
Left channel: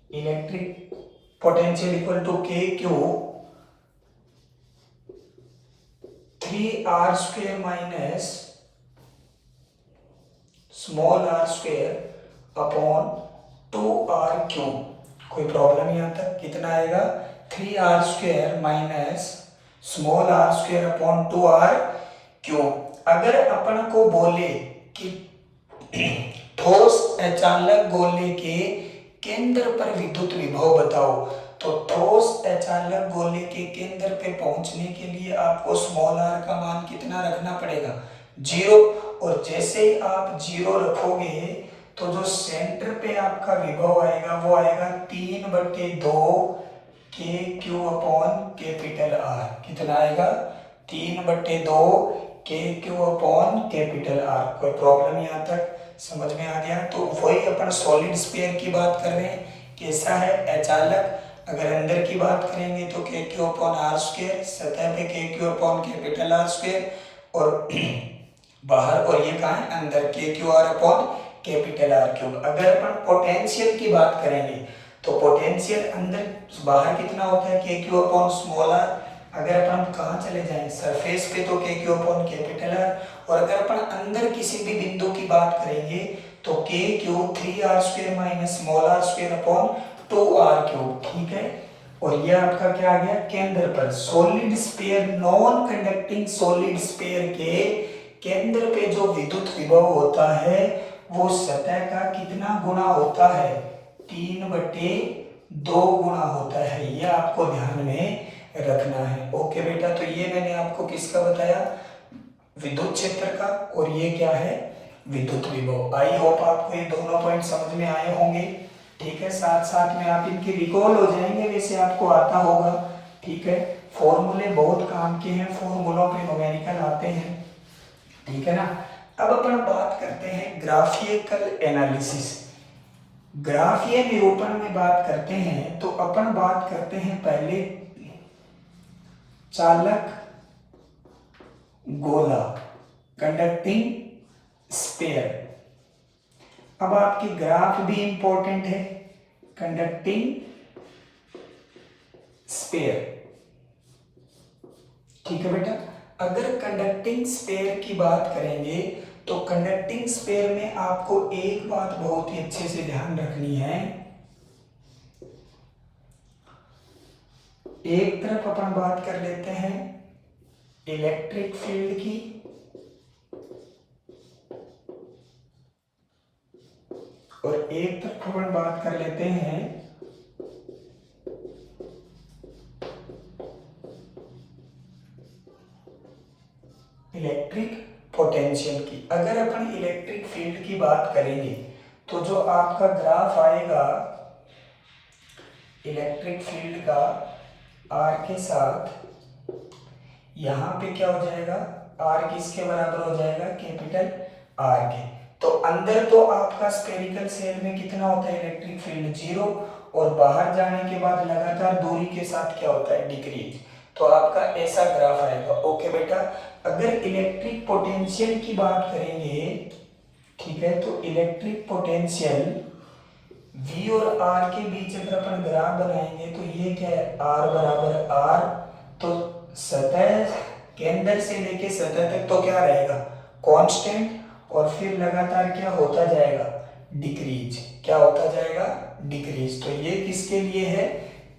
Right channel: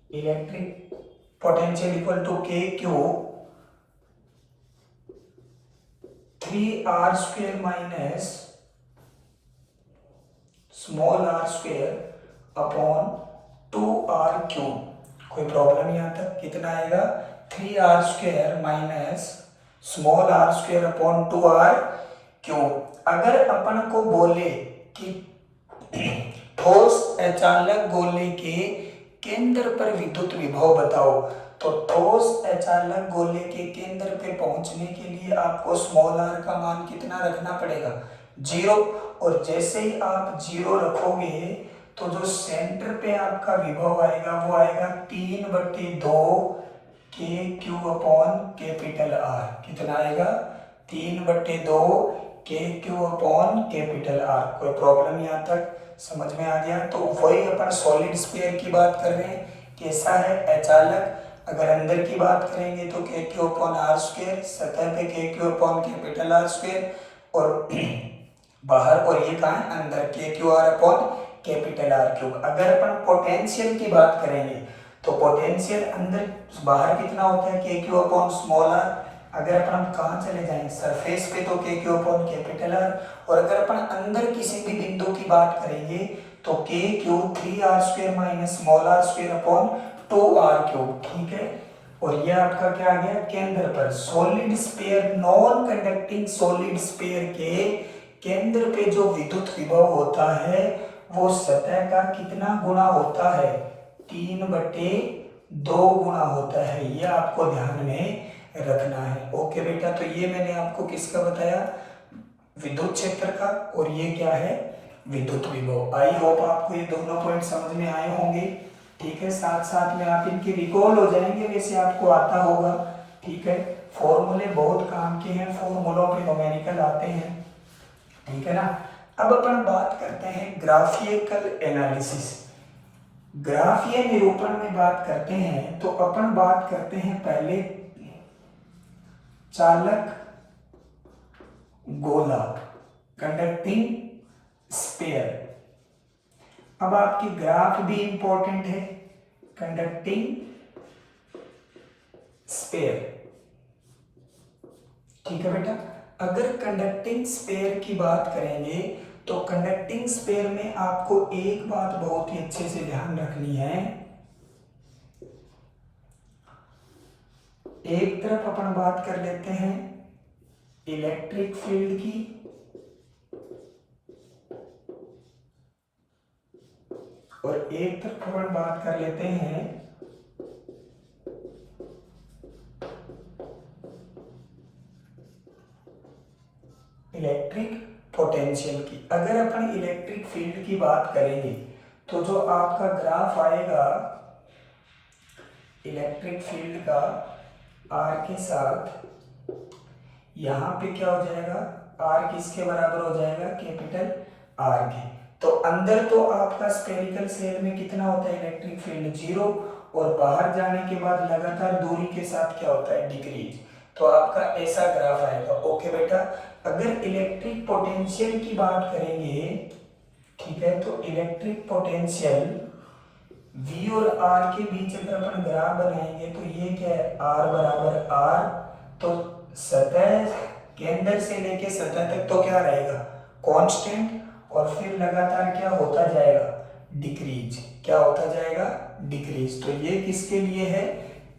electric potential equal to KQ 3R² minus small r² upon 2R3। कोई प्रॉब्लम यहाँ तक? कितना आएगा, 3R² minus small r² upon 2R3। अगर अपन को बोले कि ठोस अचालक गोले के केंद्र पर विद्युत विभव बताओ। तो ठोस अचालक गोले के केंद्र पे पहुंचने के लिए आपको स्मॉल r का मान कितना रखना पड़ेगा, 0। और जैसे ही आप 0 रखोगे तो जो सेंटर पे आपका विभव आएगा वो आएगा 3/2 के क्यू अपॉन कैपिटल R। कितना आएगा, 3/2 के क्यू अपॉन कैपिटल R। कोई प्रॉब्लम यहाँ तक समझ में आ गया? तो वही अपन सॉलिड स्फीयर की बात कर रहे हैं, कैसा है अचालक। अगर अंदर की बात करेंगे तो के क्यू अपॉन आर स्क्वायर, सतह पे के Q upon capital R square, और बाहर, और ये कहाँ है अंदर, के Q R upon capital R cube. अगर अपन पोटेंशियल की बात करेंगे तो पोटेंशियल अंदर बाहर कितना होता है, के क्यू अपॉन स्मॉल r। अगर अपन कहाँ चले जाएं सरफेस पे तो के क्यू अपॉन कैपिटल R। और अगर अपन अंदर किसी भी बिंदु की बात करेंगे तो के Q 3r square minus small r square upon 2r cube. ठीक है, और ये आपका क्या आ गया, केंद्र पर। Solid sphere, non conducting solid sphere के केंद्र पे जो विद्युत विभव होता है वो सतह का कितना गुना होता है, 3/2 गुना होता है। ये आपको ध्यान में रखना है। ओके बेटा, तो ये मैंने आपको किसका बताया, विद्युत क्षेत्र का, और ये क्या है, विद्युत विभव। आई होप आपको ये दोनों पॉइंट समझ में आए होंगे। ठीक है, साथ साथ में आप इनके रिकॉल हो जाएंगे, वैसे आपको आता होगा। ठीक है, फॉर्मूले बहुत काम के हैं, फॉर्मूलों पे न्यूमेरिकल आते हैं। ठीक है ना। अब अपन बात करते हैं ग्राफिकल एनालिसिस। ग्राफीय निरूपण में बात करते हैं तो अपन बात करते हैं पहले चालक गोला, कंडक्टिंग स्फीयर। अब आपकी ग्राफ भी इंपॉर्टेंट है, कंडक्टिंग स्फीयर। ठीक है बेटा, अगर कंडक्टिंग स्फीयर की बात करेंगे तो कंडक्टिंग स्फीयर में आपको एक बात बहुत ही अच्छे से ध्यान रखनी है। एक तरफ अपन बात कर लेते हैं इलेक्ट्रिक फील्ड की, और एक तरफ अपन बात कर लेते हैं इलेक्ट्रिक पोटेंशियल की। अगर अपन इलेक्ट्रिक फील्ड की बात करेंगे तो जो आपका ग्राफ आएगा इलेक्ट्रिक फील्ड का आर के साथ, यहाँ पे क्या हो जाएगा, आर किसके बराबर हो जाएगा, कैपिटल आर के। तो अंदर तो आपका स्फेरिकल शेल में कितना होता है इलेक्ट्रिक फील्ड, 0, और बाहर जाने के बाद लगातार दूरी के साथ क्या होता है, डिक्रीज। तो आपका ऐसा ग्राफ आएगा। ओके बेटा, अगर इलेक्ट्रिक पोटेंशियल की बात करेंगे, ठीक है, तो इलेक्ट्रिक पोटेंशियल V और R के बीच अगर अपन ग्राफ बनाएंगे तो ये क्या है, R बराबर R। तो सतह केंद्र से लेके सतह तक तो क्या रहेगा, कांस्टेंट, और फिर लगातार क्या होता जाएगा, डिक्रीज। क्या होता जाएगा, डिक्रीज। तो ये किसके लिए है,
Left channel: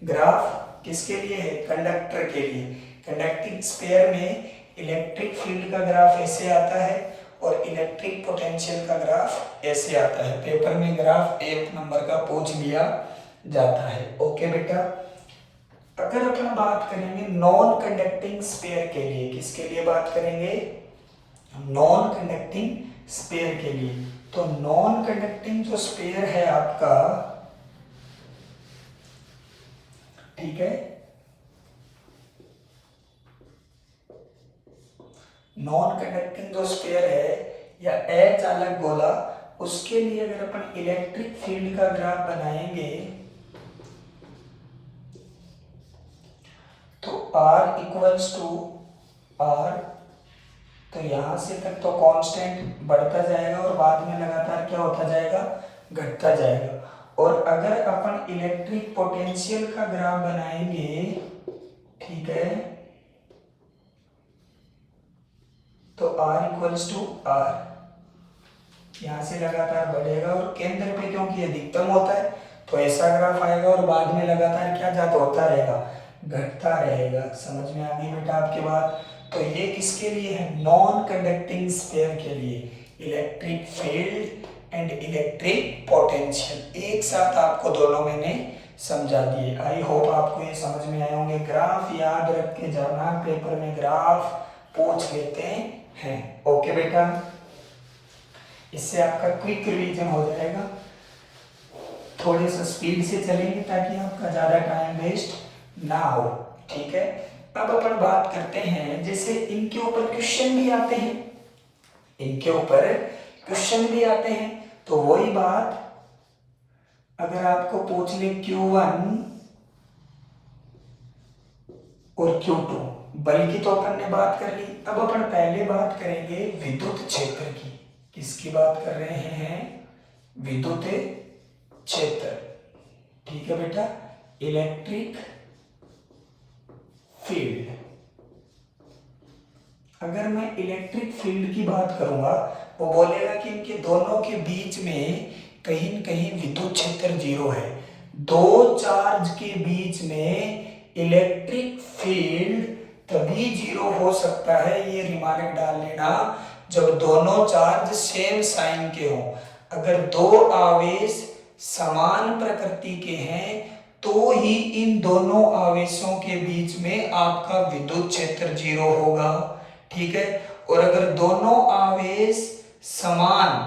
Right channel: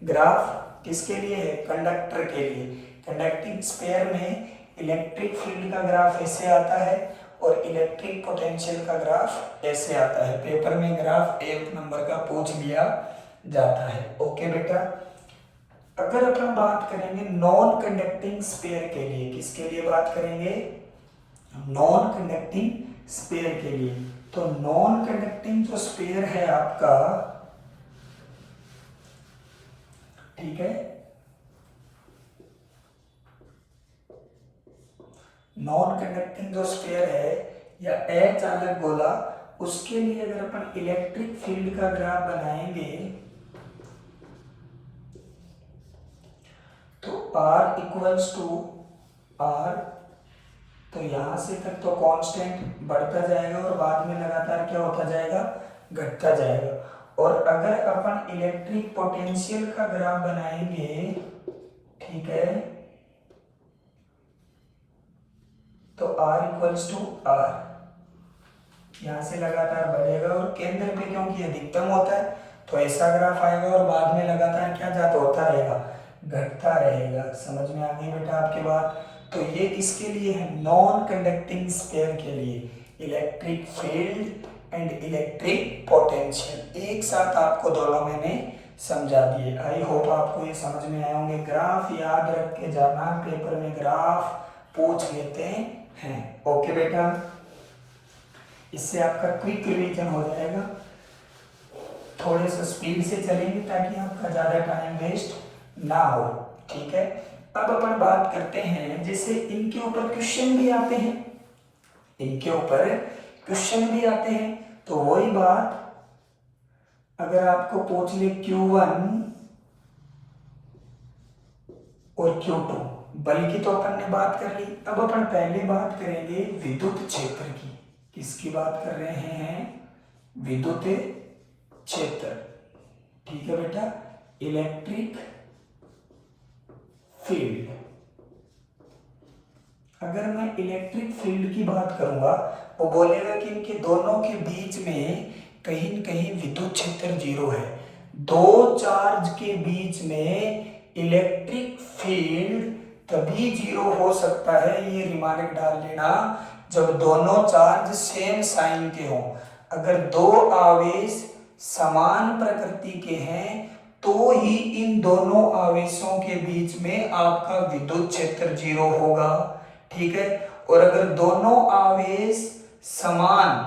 ग्राफ किसके लिए है, कंडक्टर के लिए। कंडक्टिंग स्फीयर में इलेक्ट्रिक फील्ड का ग्राफ ऐसे आता है और इलेक्ट्रिक पोटेंशियल का ग्राफ ऐसे आता है। पेपर में ग्राफ 1 नंबर का पूछ लिया जाता है। ओके बेटा, अगर अपन बात करेंगे नॉन कंडक्टिंग स्फीयर के लिए, किसके लिए बात करेंगे, नॉन कंडक्टिंग स्फीयर के लिए। तो नॉन कंडक्टिंग जो स्फीयर है आपका, ठीक है, नॉन कंडक्टिंग जो स्फीयर है या अचालक गोला, उसके लिए अगर अपन इलेक्ट्रिक फील्ड का ग्राफ बनाएंगे तो R इक्वल्स टू R, तो यहां से तक तो कांस्टेंट बढ़ता जाएगा और बाद में लगातार क्या होता जाएगा, घटता जाएगा। और अगर अपन इलेक्ट्रिक पोटेंशियल का ग्राफ बनाएंगे, ठीक है, तो R इक्वल्स टू R, यहां से लगातार बढ़ेगा और केंद्र पे क्योंकि अधिकतम होता है तो ऐसा ग्राफ आएगा और बाद में लगातार क्या जाता होता रहेगा, घटता रहेगा। समझ में आ गई बेटा आपकी बात। तो ये किसके लिए है, नॉन कंडक्टिंग स्फीयर के लिए। Electric field and electric potential. एक साथ आपको दोनों मैंने समझा दिए। आई होप आपको ये समझ में आए होंगे। ग्राफ याद रख के जाना, पेपर में ग्राफ पूछ लेते हैं। ओके बेटा, इससे आपका क्विक रिवीजन हो जाएगा। थोड़े से स्पीड से चलेंगे ताकि आपका ज़्यादा टाइम वेस्ट ना हो, ठीक है। अब अपन बात करते हैं, जैसे इनके ऊपर क्वेश्चन भी आते हैं, इनके ऊपर क्वेश्चन भी आते हैं। तो वही बात अगर आपको पूछ ले Q1 और Q2, बल्कि तो अपन ने बात कर ली। अब अपन पहले बात करेंगे विद्युत क्षेत्र की। किसकी बात कर रहे हैं? विद्युत क्षेत्र, ठीक है बेटा। इलेक्ट्रिक फील्ड, अगर मैं इलेक्ट्रिक फील्ड की बात करूंगा, वो बोलेगा कि इनके दोनों के बीच में कहीं न कहीं विद्युत क्षेत्र जीरो है। दो चार्ज के बीच में इलेक्ट्रिक फील्ड तभी जीरो हो सकता है, ये रिमार्क डाल लेना, जब दोनों चार्ज सेम साइन के हों। अगर दो आवेश समान प्रकृति के हैं तो ही इन दोनों आवेशों के बीच में आपका विद्युत क्षेत्र जीरो होगा, ठीक है। और अगर दोनों आवेश समान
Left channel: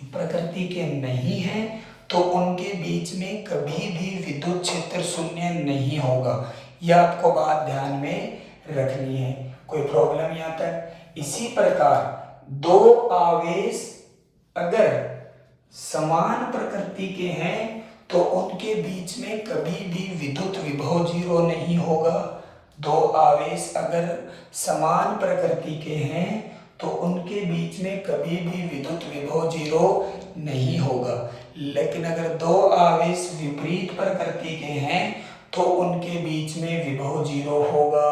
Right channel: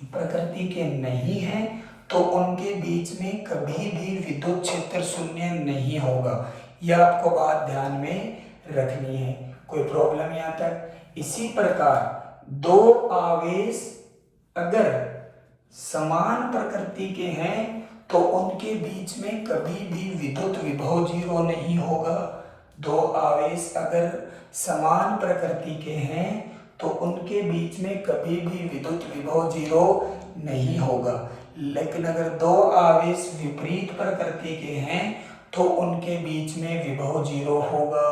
प्रकृति के नहीं हैं तो उनके बीच में कभी भी विद्युत क्षेत्र शून्य नहीं होगा। यह आपको बात ध्यान में रखनी है। कोई प्रॉब्लम यहाँ तक? इसी प्रकार दो आवेश अगर समान प्रकृति के हैं तो उनके बीच में कभी भी विद्युत विभव जीरो नहीं होगा। दो आवेश अगर समान प्रकृति के हैं तो उनके बीच में कभी भी विद्युत विभव जीरो नहीं होगा। लेकिन अगर दो आवेश विपरीत प्रकृति के हैं तो उनके बीच में विभव जीरो होगा।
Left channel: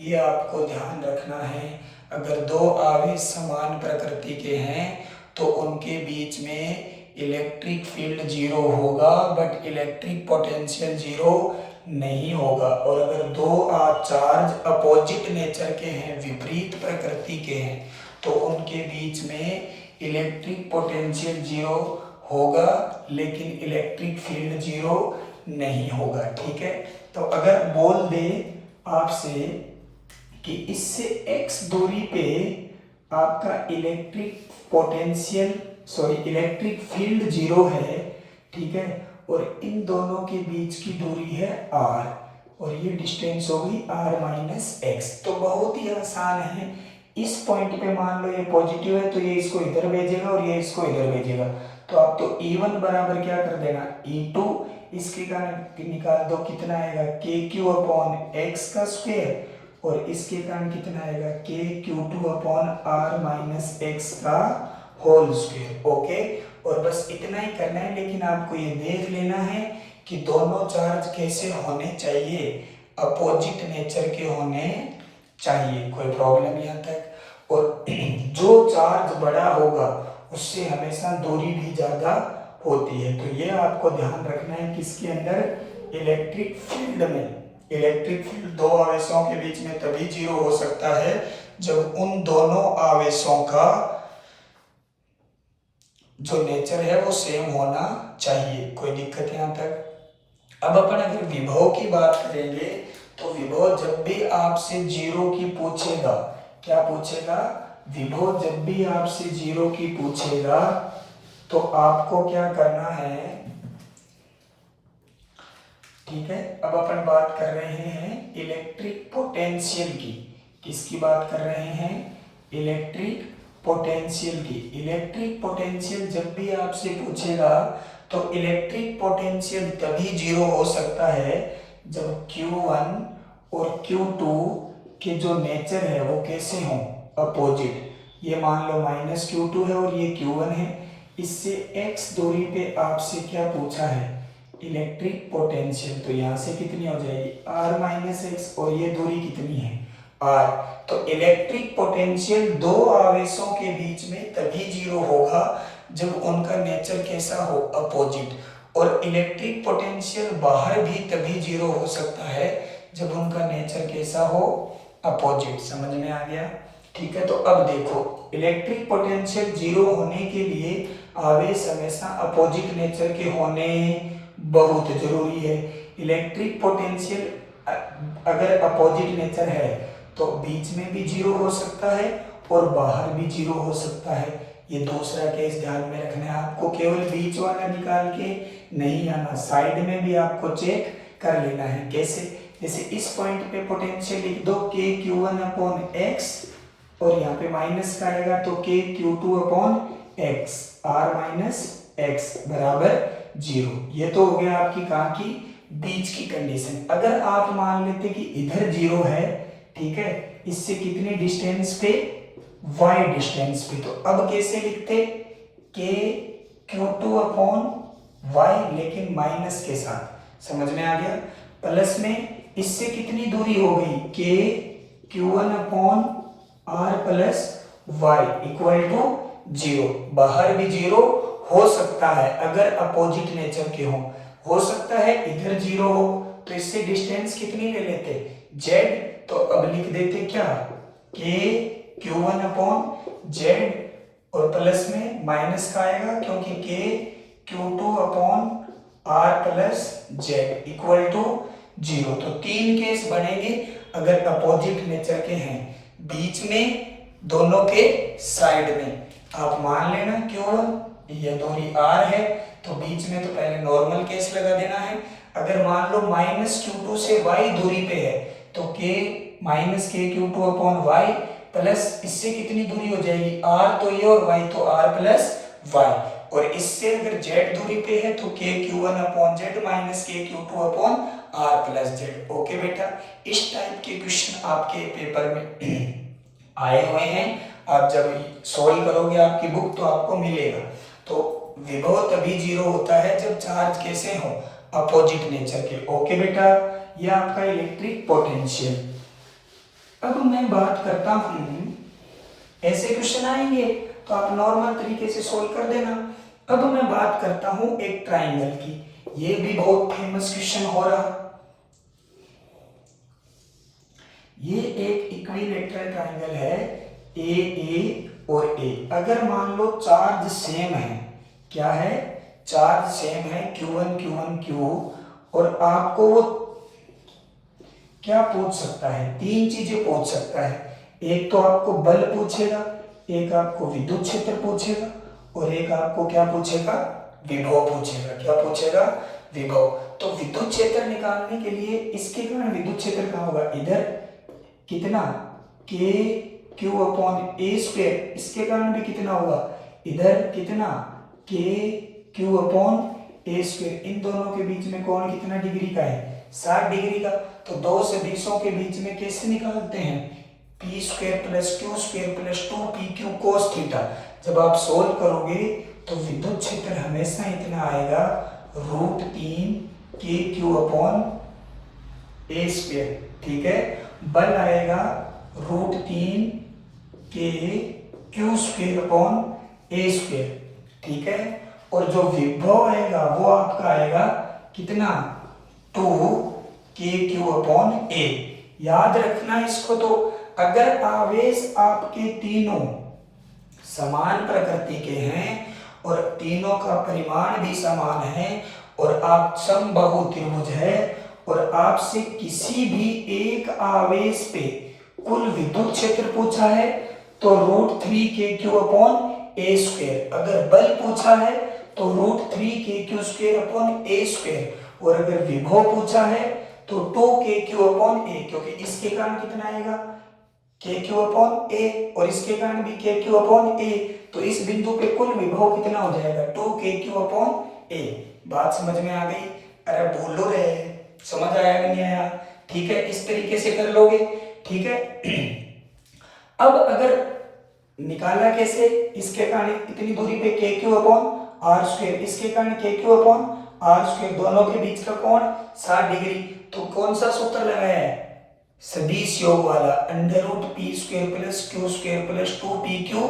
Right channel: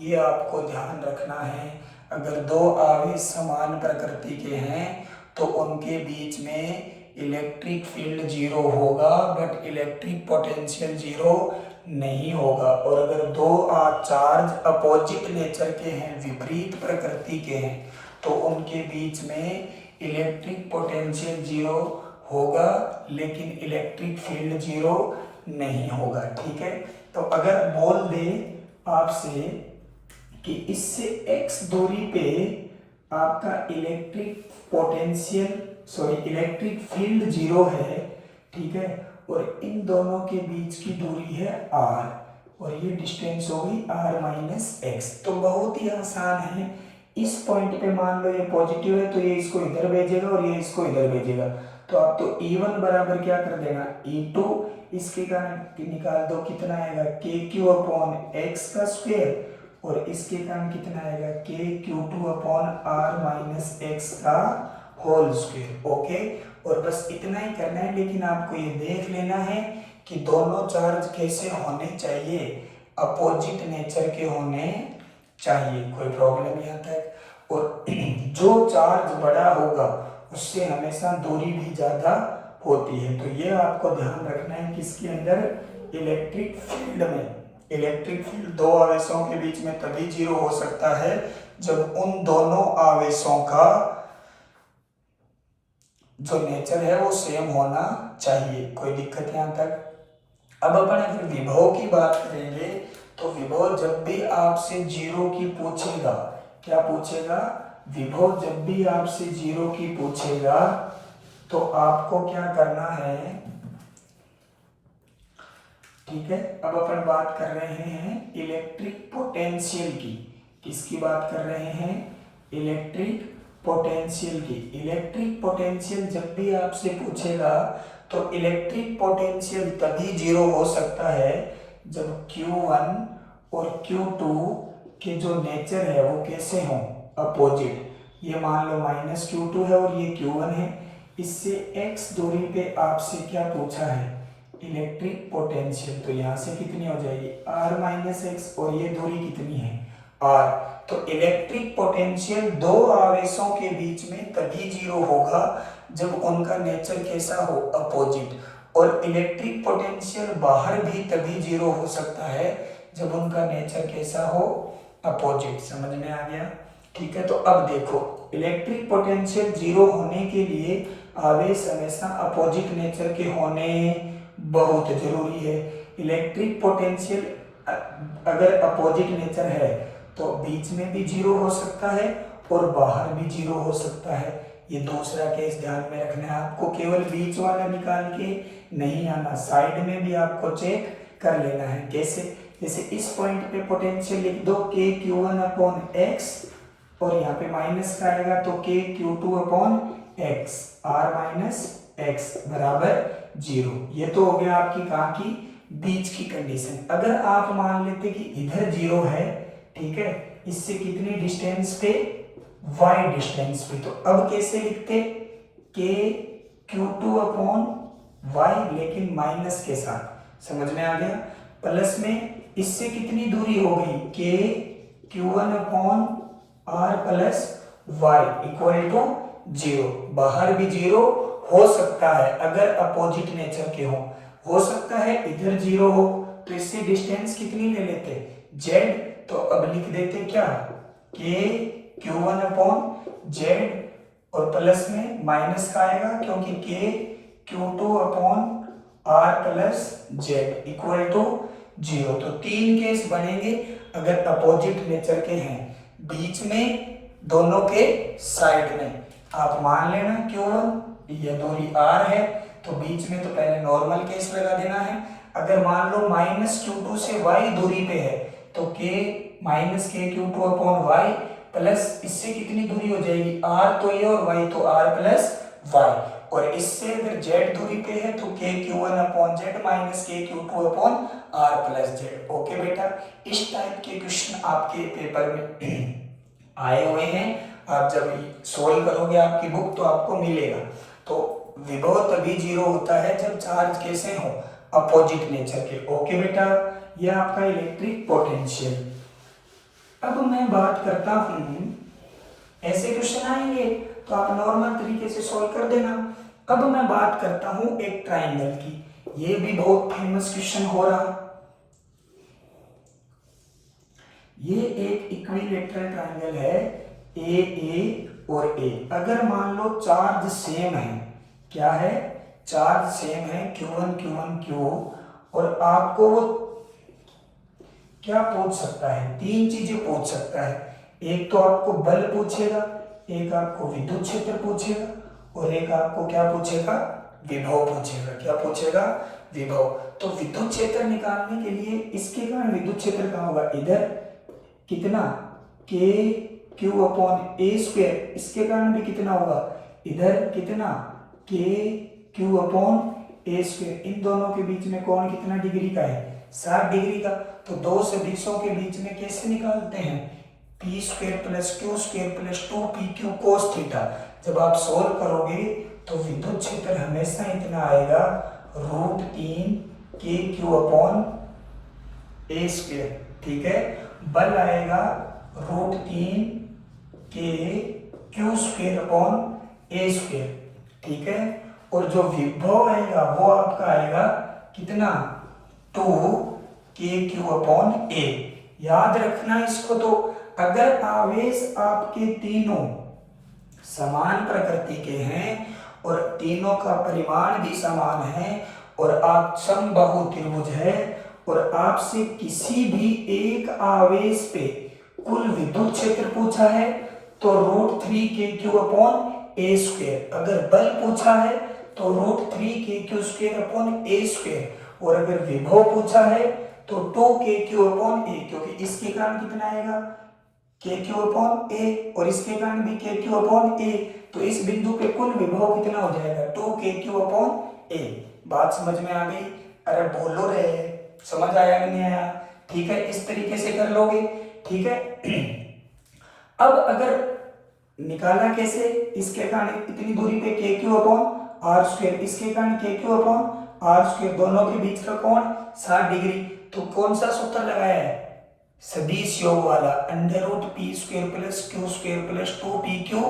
ये आपको ध्यान रखना है। अगर दो आवेश समान प्रकृति के हैं तो उनके बीच में इलेक्ट्रिक फील्ड जीरो होगा, बट इलेक्ट्रिक पोटेंशियल जीरो नहीं होगा। और अगर दो चार्ज अपोजिट नेचर के हैं, विपरीत प्रकृति के हैं, तो उनके बीच में इलेक्ट्रिक पोटेंशियल जीरो होगा लेकिन इलेक्ट्रिक फील्ड जीरो नहीं होगा, ठीक है। तो अगर बोल दे आपसे कि इससे x दूरी पे आपका electric potential electric field zero है, ठीक है, और इन दोनों के बीच की दूरी है r और ये डिस्टेंस होगी r माइनस एक्स। तो बहुत ही आसान है। इस पॉइंट पे मान लो ये पॉजिटिव है तो ये इसको इधर भेजेगा और ये इसको इधर भेजेगा। तो आप तो E1 बराबर क्या कर देना, E2, इसके कारण निकाल दो, कितना आएगा KQ अपॉन एक्स का स्क्वायर, और इसके कारण कितना आएगा KQ2 upon r minus x का होल स्क्वायर। ओके, और बस इतना ही करना है। लेकिन आपको ये देख लेना है कि दोनों चार्ज कैसे होने चाहिए, अपोजिट नेचर के होने चाहिए। कोई प्रॉब्लम यहाँ तक? और जो चार्ज बड़ा होगा उससे हमेशा दूरी भी ज्यादा होती है। तो ये आपको ध्यान रखना है। किसके अंदर? इलेक्ट्रिक फील्ड में। इलेक्ट्रिक फील्ड दो आवेशों के बीच में तभी जीरो हो सकता है जब उन दोनों आवेशों का जो नेचर है वो सेम होना चाहिए। कोई दिक्कत यहाँ तक? अब अपन अगर विभव की बात करेंगे तो विभव जब भी आपसे जीरो की पूछेगा, क्या पूछेगा? विभव जब भी आपसे जीरो की पूछेगा तो आपको क्या करना है, ठीक है। अब अपन बात कर रहे हैं इलेक्ट्रिक पोटेंशियल की। किसकी बात कर रहे हैं? इलेक्ट्रिक पोटेंशियल की। इलेक्ट्रिक पोटेंशियल जब भी आपसे पूछेगा तो इलेक्ट्रिक पोटेंशियल तभी जीरो हो सकता है जब Q1 और Q2 के जो नेचर है वो कैसे हों, अपोजिट। ये मान लो माइनस Q2 है और ये Q1 है। इससे x दूरी पे आपसे क्या पूछा है? Electric potential. तो यहाँ से कितनी हो जाएगी? r माइनस एक्स, और ये दूरी कितनी है? r। तो इलेक्ट्रिक पोटेंशियल दो आवेशों के बीच में तभी जीरो होगा जब उनका नेचर कैसा हो, अपोजिट। और इलेक्ट्रिक पोटेंशियल बाहर भी तभी जीरो हो सकता है जब उनका नेचर कैसा हो, अपोजिट। समझ में आ गया? ठीक है, तो अब देखो इलेक्ट्रिक पोटेंशियल जीरो होने के लिए आवेश हमेशा अपोजिट नेचर के होने बहुत जरूरी है। इलेक्ट्रिक पोटेंशियल अगर अपोजिट नेचर है तो बीच में भी जीरो हो सकता है और बाहर भी जीरो हो सकता है। ये दूसरा केस ध्यान में रखना है आपको, केवल बीच वाला निकाल के नहीं आना, साइड में भी आपको चेक कर लेना है। कैसे? जैसे इस पॉइंट पे पोटेंशियल लिख दो k q1 अपॉन x और यहाँ पे माइनस का आएगा तो k q2 upon x r minus x बराबर 0। ये तो हो गया आपकी कहाँ की, बीच की कंडीशन। अगर आप मान लेते कि इधर 0 है, ठीक है, इससे कितनी डिस्टेंस पे, y डिस्टेंस पे, तो अब कैसे लिखते, k q2 अपॉन y लेकिन माइनस के साथ, समझ में आ गया। प्लस में इससे कितनी दूरी हो गई, k q1 upon r plus y equal to 0। बाहर भी 0 हो सकता है अगर अपोजिट नेचर के हो सकता है इधर 0 हो, तो इससे डिस्टेंस कितनी ले लेते, z, तो अब लिख देते क्या, k q1 अपॉन z और प्लस में माइनस का आएगा क्योंकि k q2 upon r plus z equal to 0। तो तीन केस बनेंगे अगर अपोजिट नेचर के हैं, बीच में, दोनों के साइड में। आप मान लेना Q1 ये दूरी r है तो बीच में तो पहले नॉर्मल केस लगा देना है। अगर मान लो माइनस Q2 से y दूरी पे है तो k minus k Q2 upon y plus इससे कितनी दूरी हो जाएगी, r तो ये और y तो r प्लस y, और इससे अगर z दूरी पे है तो k q1 upon z minus k q2 upon r plus z। Okay बेटा, इस टाइप के क्वेश्चन आपके पेपर में आए हुए हैं। आप जब सॉल्व करोगे आपकी बुक तो आपको मिलेगा। तो विभव तभी 0 होता है जब चार्ज कैसे हो, अपोजिट नेचर के। ओके बेटा, यह आपका इलेक्ट्रिक पोटेंशियल। अब मैं बात करता हूं, ऐसे क्वेश्चन आएंगे तो आप नॉर्मल तरीके से सोल्व कर देना। अब मैं बात करता हूं एक ट्राइंगल की, ये भी बहुत फेमस क्वेश्चन हो रहा। ये एक इक्विलेटरल ट्राइंगल है, ए और ए। अगर मान लो चार्ज सेम है, क्या है, चार्ज सेम है Q1 Q1 Q, और आपको वो क्या पूछ सकता है, तीन चीजें पूछ सकता है। एक तो आपको बल पूछेगा, एक आपको विद्युत क्षेत्र पूछेगा और एक आपको क्या पूछेगा, विभव पूछेगा। क्या पूछेगा, विभव। तो विद्युत क्षेत्र निकालने के लिए इसके कारण विद्युत क्षेत्र कहाँ होगा, इधर कितना, k q upon a square, इसके कारण भी कितना होगा, इधर कितना, k q upon a square. इन दोनों के बीच में कोण कितना डिग्री का है, 60 डिग्री का। तो दो सदिशों के बीच में कैसे निकालते हैं, p square plus q square plus 2pq cos theta. जब आप सोल्व करोगे तो विद्युत क्षेत्र हमेशा इतना आएगा, √3 k q upon a square, ठीक है। बल आएगा √3 k q square upon a square, ठीक है। और जो विभव आएगा वो आपका आएगा कितना, 2 k q अपॉन a। याद रखना इसको। तो अगर आवेश आपके तीनों समान प्रकृति के हैं और तीनों का परिमाण भी समान है और आप समबाहु त्रिभुज है और आपसे किसी भी एक आवेश पे कुल विद्युत क्षेत्र पूछा है तो √3 k q upon a square. अगर बल पूछा है तो √3 k q square upon a square, और अगर विभव पूछा है तो 2 k q अपॉन a, क्योंकि इसके कारण कितना आएगा, k q अपॉन a और इसके कारण भी k q अपॉन a। तो इस बिंदु पे कुल विभव कितना हो जाएगा, 2 k q अपॉन a। बात समझ में आ गई? अरे बोलो रे, समझ आया कि नहीं आया? ठीक है, इस तरीके से कर लोगे, ठीक है। अब अगर निकालना कैसे, इसके कारण इतनी दूरी पे k q अपॉन r स्क्वायर, इसके कारण k q अपॉन r स्क्वायर, दोनों के बीच का कोण 60 डिग्री। तो कौन सा सूत्र लगाया है, सदिश योग वाला, √p square plus q square plus 2pq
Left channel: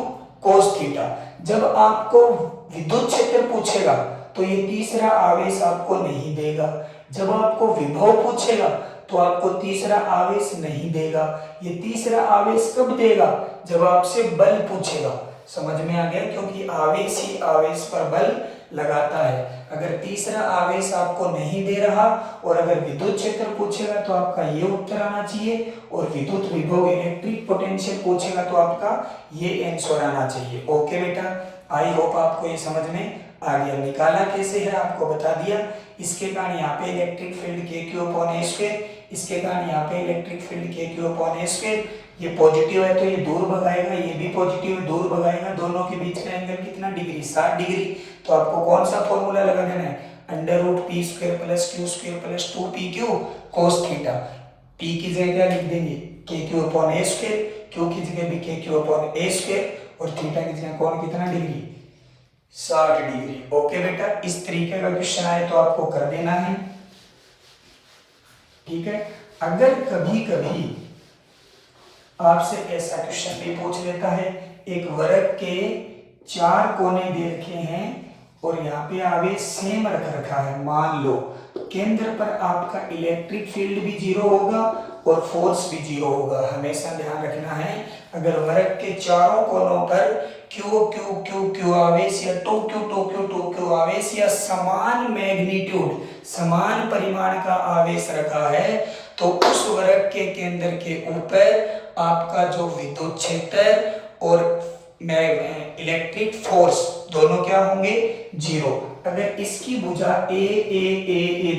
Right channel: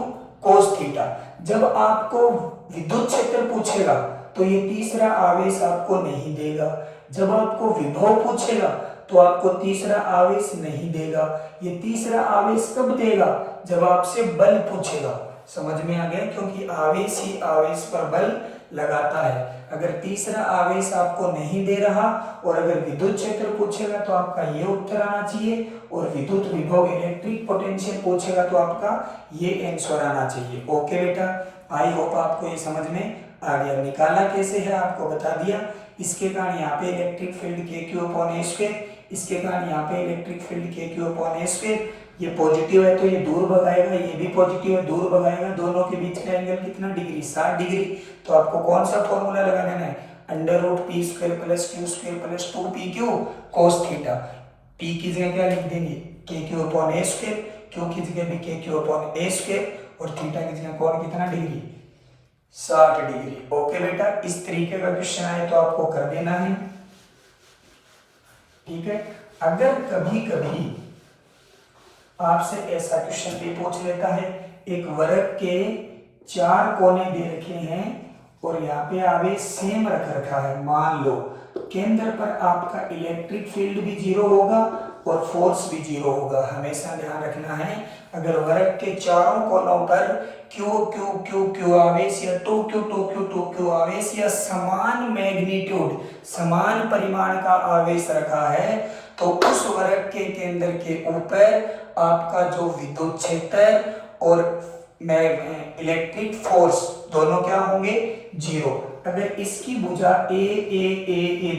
cos theta. जब आपको विद्युत क्षेत्र पूछेगा तो ये तीसरा आवेश आपको नहीं देगा। जब आपको विभव पूछेगा तो आपको तीसरा आवेश नहीं देगा। ये तीसरा आवेश कब देगा? जब आपसे बल पूछेगा। समझ में आ गया? क्योंकि आवेश ही आवेश पर बल लगाता है। अगर तीसरा आवेश आपको नहीं दे रहा और अगर विद्युत क्षेत्र पूछेगा तो आपका ये उत्तर आना चाहिए, और विद्युत विभव इलेक्ट्रिक पोटेंशियल पूछेगा तो आपका ये आंसर आना चाहिए। ओके बेटा, आई होप आपको ये समझ में आ गया। निकाला कैसे है आपको बता दिया। इसके कारण यहाँ पे इलेक्ट्रिक फील्ड KQ/A², इसके कारण यहाँ पे इलेक्ट्रिक फील्ड KQ/A²। ये पॉजिटिव है तो ये दूर भगाएगा, ये भी पॉजिटिव है दूर भगाएगा, दोनों के बीच का एंगल कितना डिग्री? 60 डिग्री। तो आपको कौन सा फॉर्मूला लगा देना है? √p² + q² + 2pq cos theta. p की जगह क्या लिख देंगे? KQ/A², q की जगह भी KQ/A² और थीटा की जगह कौन कितना डिग्री? 60 डिग्री। ओके बेटा, इस तरीके का क्वेश्चन आए तो आपको कर देना है। ठीक है, अगर कभी कभी आपसे ऐसा क्वेश्चन भी पूछ लेता है, एक वर्ग के 4 कोने दे रखे हैं और यहाँ पे आवेश सेम रख रखा है। मान लो केंद्र पर आपका इलेक्ट्रिक फील्ड भी 0 होगा और फोर्स भी 0 होगा। हमेशा ध्यान रखना है, अगर वर्ग के चारों कोनों पर Q आवेश या 2Q आवेश या समान मैग्नीट्यूड, समान परिमाण का आवेश रखा है, तो उस वर्ग के केंद्र के ऊपर आपका जो विद्युत क्षेत्र और इलेक्ट्रिक फोर्स दोनों क्या होंगे? 0। अगर इसकी भुजा ए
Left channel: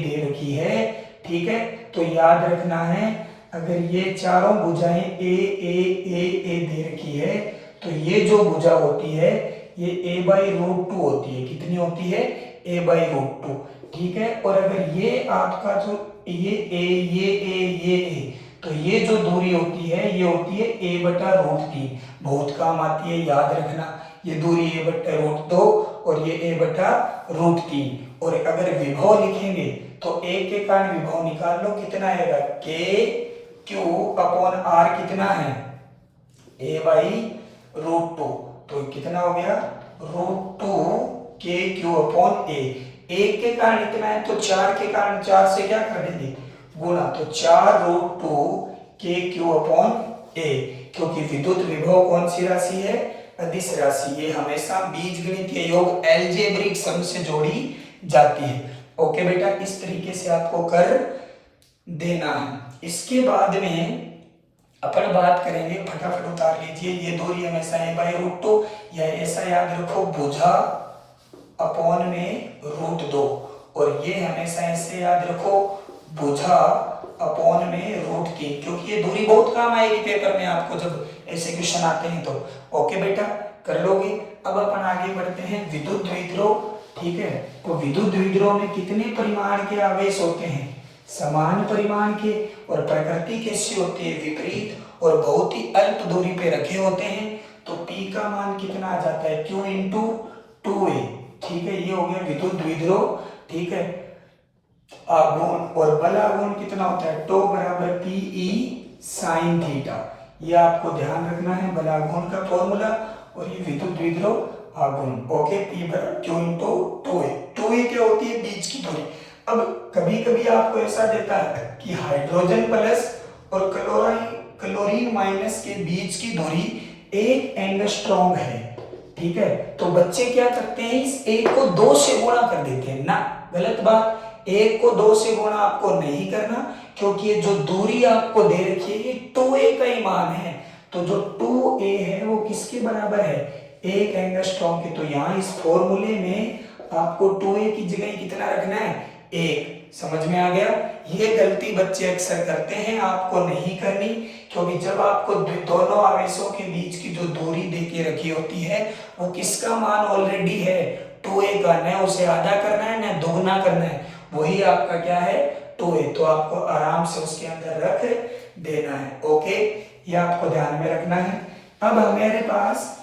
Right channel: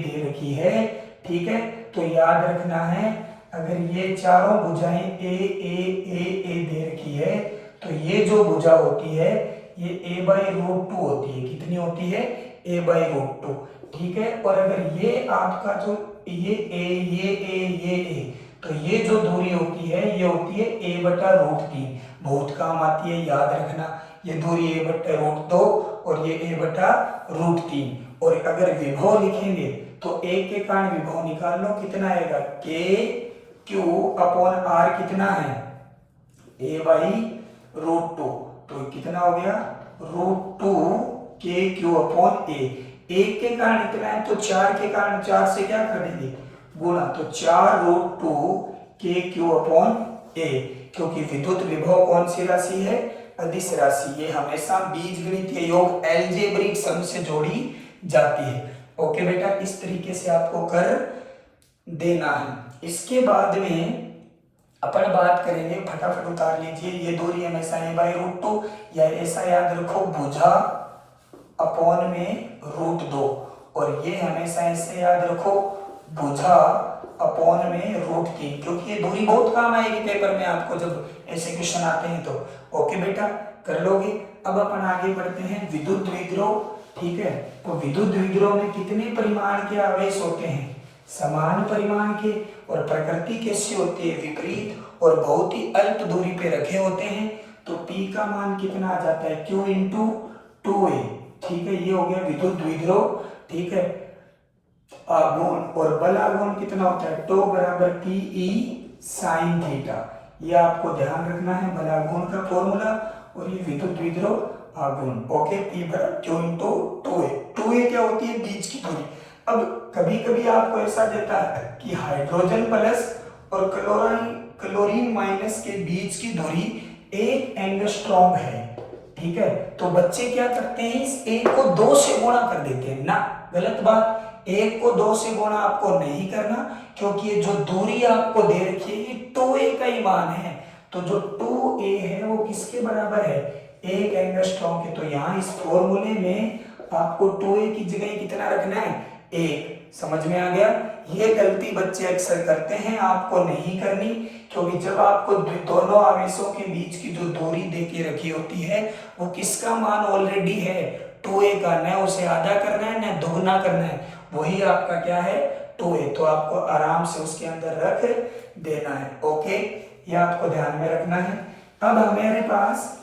दे रखी है, ठीक है, तो याद रखना है अगर ये चारों भुजाएं ए दे रखी है तो ये जो भुजा होती है ये a/√2 होती है। कितनी होती है? a/√2। ठीक है, और अगर ये आपका जो ये तो ये जो दूरी होती है ये होती है a/√3। बहुत काम आती है, याद रखना। ये दूरी a/√2 और ये a/√3। और अगर विभव लिखेंगे तो a के कारण विभव निकाल लो, कितना आएगा? KQ/R कितना है? a/√2। तो कितना हो गया? √2 KQ/A। 1 के कारण इतना है तो 4 के कारण 4 से क्या कर देंगे? गुणा। तो 4√2 KQ/A, क्योंकि विद्युत विभव कौन सी राशि है? अदिश राशि। ये हमेशा बीजगणितीय योग अलजेब्रिक सम से जोड़ी जाती है। ओके बेटा, इस तरीके से आपको कर देना है। इसके बाद में अपन बात करेंगे, फटाफट उतार लीजिए, ये दूरी हमेशा a/√2 या ऐसा याद रखो भुजा अपॉन में √2, और ये हमेशा ऐसे याद रखो भुजा अपॉन में √3, क्योंकि ये दूरी बहुत काम आएगी पेपर में आपको जब ऐसे क्वेश्चन आते हैं तो। ओके बेटा, कर लोगे। अब अपन आगे बढ़ते हैं विद्युत द्विध्रुव। ठीक है, तो विद्युत द्विध्रुव में कितने परिमाण के आवेश होते हैं? समान परिमाण के। और प्रकृति कैसी होती है? विपरीत और बहुत ही अल्प दूरी पे रखे होते हैं। तो P का मान कितना आ जाता है? Q × 2A। ठीक है, ये हो गया विद्युत द्विध्रुव। ठीक है, आघूर्ण और बल आघूर्ण कितना होता है? τ = PE sin थीटा। ये आपको ध्यान रखना है, बल आघूर्ण का फॉर्मूला और ये विद्युत द्विध्रुव आघूर्ण। Okay, P = Q × 2A। 2A क्या होती है? बीच की दूरी। अब कभी कभी आपको ऐसा देता है कि हाइड्रोजन प्लस और क्लोरीन माइनस के बीच की दूरी 1 एंगस्ट्रॉम है। ठीक है, तो बच्चे क्या करते हैं? इस 1 को 2 से गुणा कर देते हैं ना, गलत बात। 1 को 2 से गुणा आपको नहीं करना, क्योंकि ये जो दूरी आपको दे रखी है ये 2A का ही मान है। तो जो 2A है वो किसके बराबर है? 1 एंगस्ट्रॉम के। तो यहाँ इस फॉर्मूले में आपको 2A की जगह कितना रखना है? 1। समझ में आ गया? ये गलती बच्चे अक्सर करते हैं, आपको नहीं करनी, क्योंकि जब आपको दोनों आवेशों के बीच की जो दूरी देके रखी होती है वो किसका मान ऑलरेडी है? 2A का। न उसे आधा करना है न दुगना करना है, वही आपका क्या है? 2A। तो आपको आराम से उसके अंदर रख देना है। ओके, ये आपको ध्यान में रखना है। अब हमारे पास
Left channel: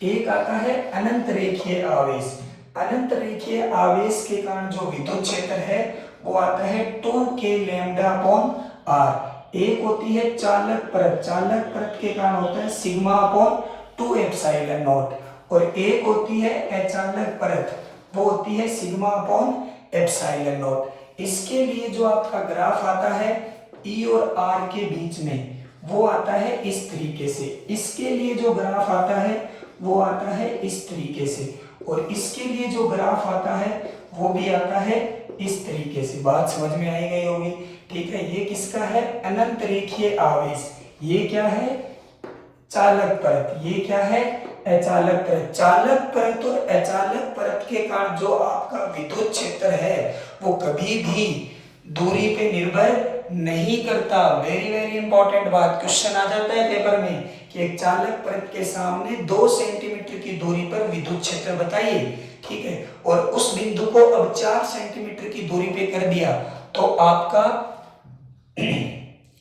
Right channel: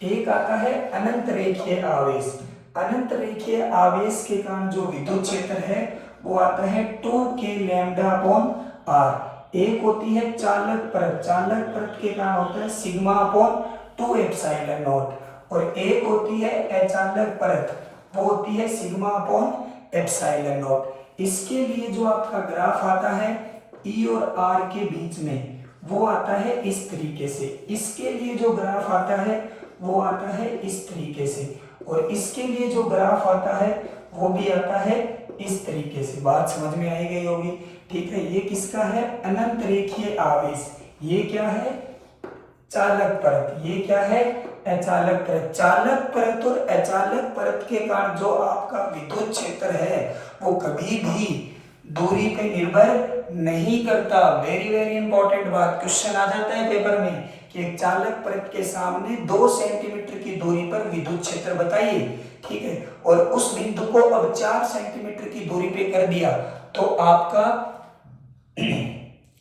एक आता है अनंत रेखीय आवेश। अनंत रेखीय आवेश के कारण जो विद्युत क्षेत्र है वो आता है 2k λ/r। एक होती है चालक परत। चालक परत के कारण होता है σ/2ε0, और एक होती है अचालक परत, वो होती है σ/ε0। इसके लिए जो आपका ग्राफ आता है ई और आर के बीच में, वो आता है इस तरीके से। इसके लिए जो ग्राफ आता है वो आता है इस तरीके से, और इसके लिए जो ग्राफ आता है वो भी आता है इस तरीके से। बात समझ में आई गई होगी, ठीक है। ये किसका है? अनंत रेखीय आवेश। ये क्या है? चालक परत। ये क्या है? अचालक परत। चालक परत और अचालक परत के कारण जो आपका विद्युत क्षेत्र है वो कभी भी दूरी पे निर्भर नहीं करता। वेरी वेरी इंपॉर्टेंट बात, क्वेश्चन आ जाता है पेपर में कि एक चालक परत के सामने 2 सेंटीमीटर की दूरी पर विद्युत क्षेत्र बताइए, ठीक है, और उस बिंदु को अब 4 सेंटीमीटर की दूरी पे कर दिया तो आपका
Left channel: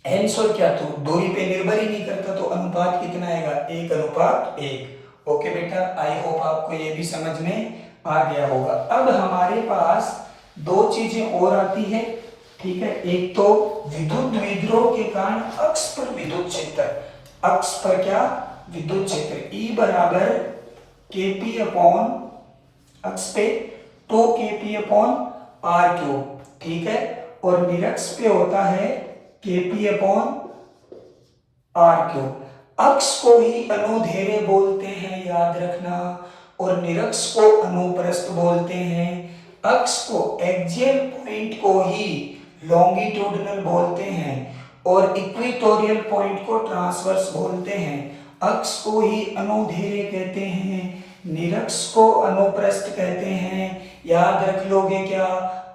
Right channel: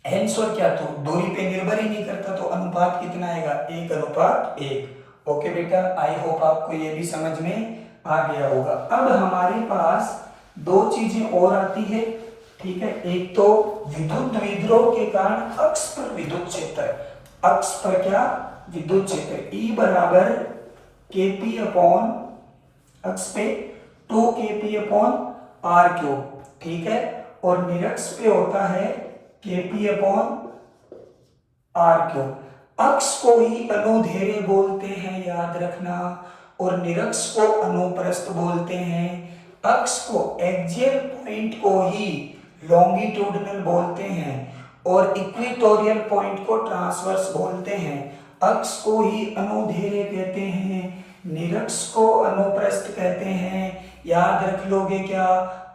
आंसर क्या, तो दूरी पे निर्भर ही नहीं करता, तो अनुपात कितना आएगा? 1:1। ओके बेटा, आई होप आपको ये भी समझ में आ गया होगा। अब हमारे पास 2 चीजें और आती है, ठीक है। एक तो विद्युत द्विध्रुव के कारण अक्ष पर विद्युत क्षेत्र, अक्ष पर क्या? विद्युत क्षेत्र। E बराबर Kp अपॉन अक्ष पे 2Kp अपॉन R क्यूब, ठीक है, और निरक्ष पे होता है Kp अपॉन R क्यूब। अक्ष को ही अनुदैर्ध्य बोलते हैं, याद रखना, और निरक्ष को अनुप्रस्थ बोलते हैं। अक्ष को एक्सियल पॉइंट को ही लॉन्गिट्यूडिनल बोलते हैं और इक्वेटोरियल पॉइंट को ट्रांसवर्स बोलते हैं। अक्ष को ही अनुदैर्ध्य कहते हैं, निरक्ष को अनुप्रस्थ कहते हैं। याद रख लोगे क्या?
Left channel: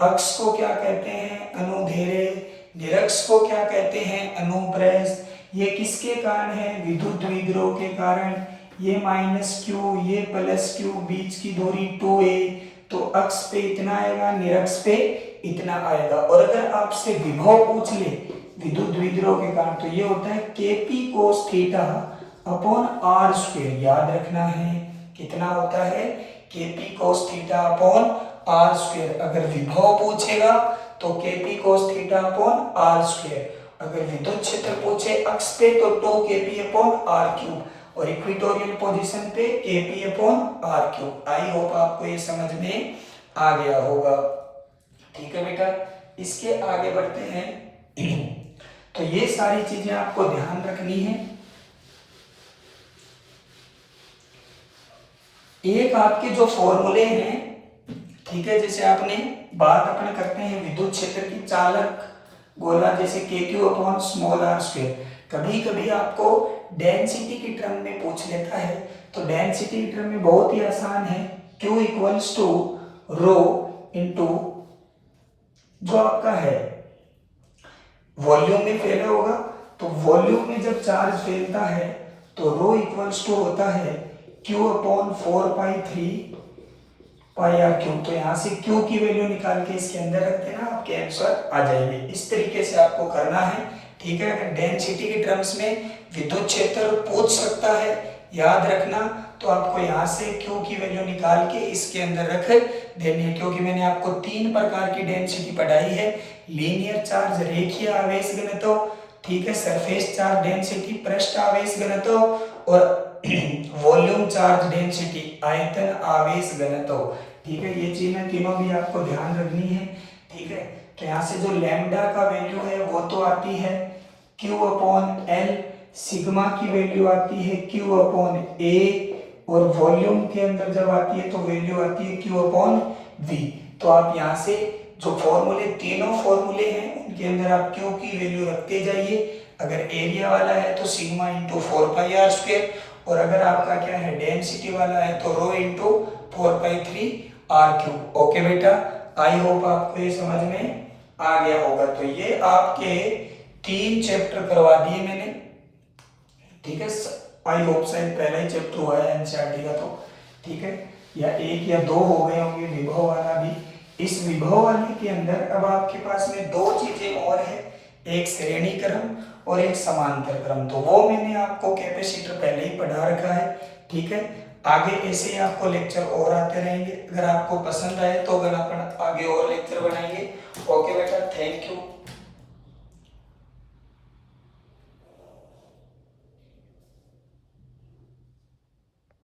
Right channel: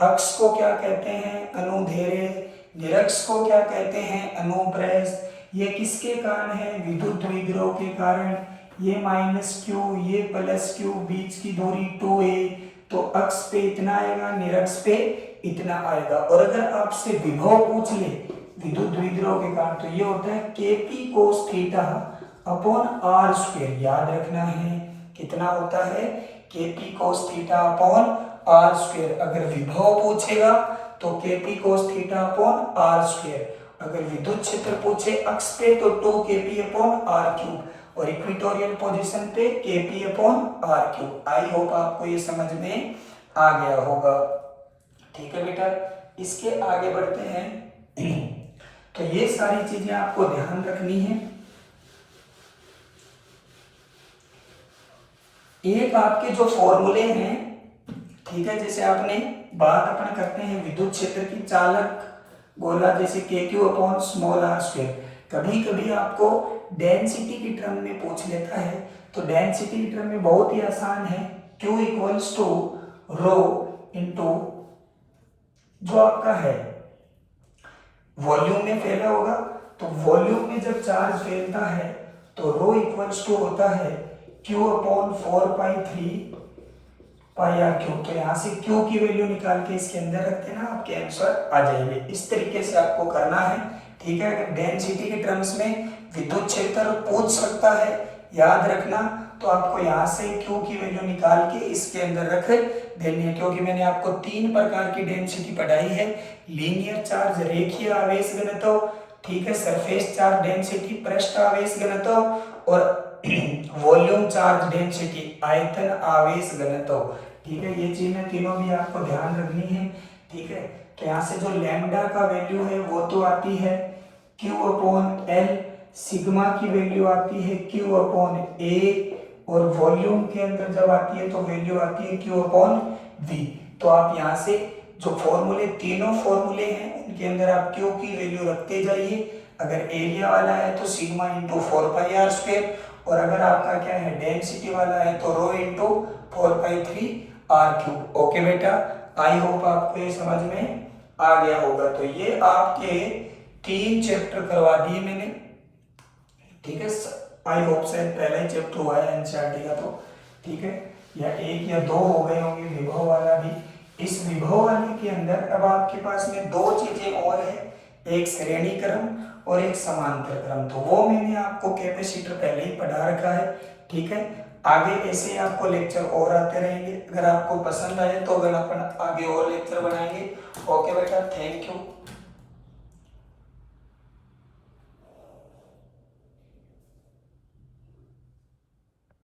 अक्ष को क्या कहते हैं? अनुदैर्ध्य। निरक्ष को क्या कहते हैं? अनुप्रस्थ। ये किसके कारण है? विद्युत द्विध्रुव के कारण। ये -q, ये +q, बीच की दूरी 2a, तो अक्ष पे इतना आएगा, निरक्ष पे इतना आएगा। और अगर आपसे विभव पूछ ले विद्युत द्विध्रुव के कारण, तो ये होता है Kp cos theta upon r square. याद रखना है कितना होता है? Kp cos theta upon r square. अगर विभव पूछेगा तो Kp cos theta upon r square. अगर विद्युत क्षेत्र पूछे अक्ष पे तो 2Kp अपॉन r क्यूब, और इक्वेटोरियल पोजीशन पे Kp upon r cube. I hope आपको ये समझ में आ गया होगा, ठीक है बेटा। इसके आगे बढ़ते हैं। तो ये सारी चीजें आपको ध्यान रखनी है। एक आपके जो फॉर्मूले हैं, ठीक है, जैसे आपने बात अपन करते हैं विद्युत क्षेत्र की, चालक गोला जैसे KQ upon small r square. कभी कभी आपको डेंसिटी की टर्म में पूछ लेता है, तो डेंसिटी की टर्म में बहुत ही आसान है, Q equals to rho into जो आपका है वॉल्यूम में फैला होगा, तो वॉल्यूम में जब चार्ज फैलता है तो रो इक्वल्स टू होता है Q upon 4π3 pi r cube. तो यहाँ से Q की वैल्यू निकाल के इसके अंदर रख देना, आपके आंसर आ जाएंगे। इस तरीके से आपको करना है, ठीक है। अगर डेंसिटी के टर्म्स में विद्युत क्षेत्र पूछ सकता है, याद रखना, तो आपको यहाँ से Q की वैल्यू निकाल के इसके अंदर रख देनी है। क्योंकि मैंने आपको 3 प्रकार की डेंसिटी पढ़ाई है, लीनियर चार्ज, रेखीय आवेश घनत्व, ठीक है, सरफेस चार्ज डेंसिटी, पृष्ठ आवेश घनत्व, और वॉल्यूम चार्ज डेंसिटी, आयतन आवेश घनत्व, ठीक है। ये चीजें तीनों भी आपको ध्यान रखनी है, ठीक है। तो यहाँ से जो लैम्डा का वैल्यू है वो तो आती है Q अपॉन L, सिग्मा की वैल्यू आती है Q अपॉन A, और वॉल्यूम के अंदर जब आती है तो वैल्यू आती है Q अपॉन V। तो आप यहाँ से जो फॉर्मूले, तीनों फॉर्मूले हैं उनके अंदर आप Q की वैल्यू रखते जाइए। अगर एरिया वाला है तो सिग्मा इंटू 4πr स्क्वायर, और अगर आपका क्या है डेंसिटी वाला है तो rho into 4π3 r cube. Okay बेटा, आई होप आपको ये समझ में आ गया होगा। तो ये आपके 3 चैप्टर करवा दिए मैंने, ठीक है। आई होप शायद पहला ही चैप्टर हुआ है एनसीईआरटी का, तो ठीक है, या 1 या 2 हो गए होंगे विभव वाला भी। इस विभव वाले के अंदर अब आपके पास में 2 चीजें और है, एक श्रेणी क्रम और एक समांतर क्रम। तो वो मैंने आपको कैपेसिटर पहले ही पढ़ा रखा है, ठीक है। आगे ऐसे ही आपको लेक्चर और आते रहेंगे। अगर आपको पसंद आए तो अगर अपन आगे और लेक्चर बनाएंगे। ओके बेटा, थैंक यू।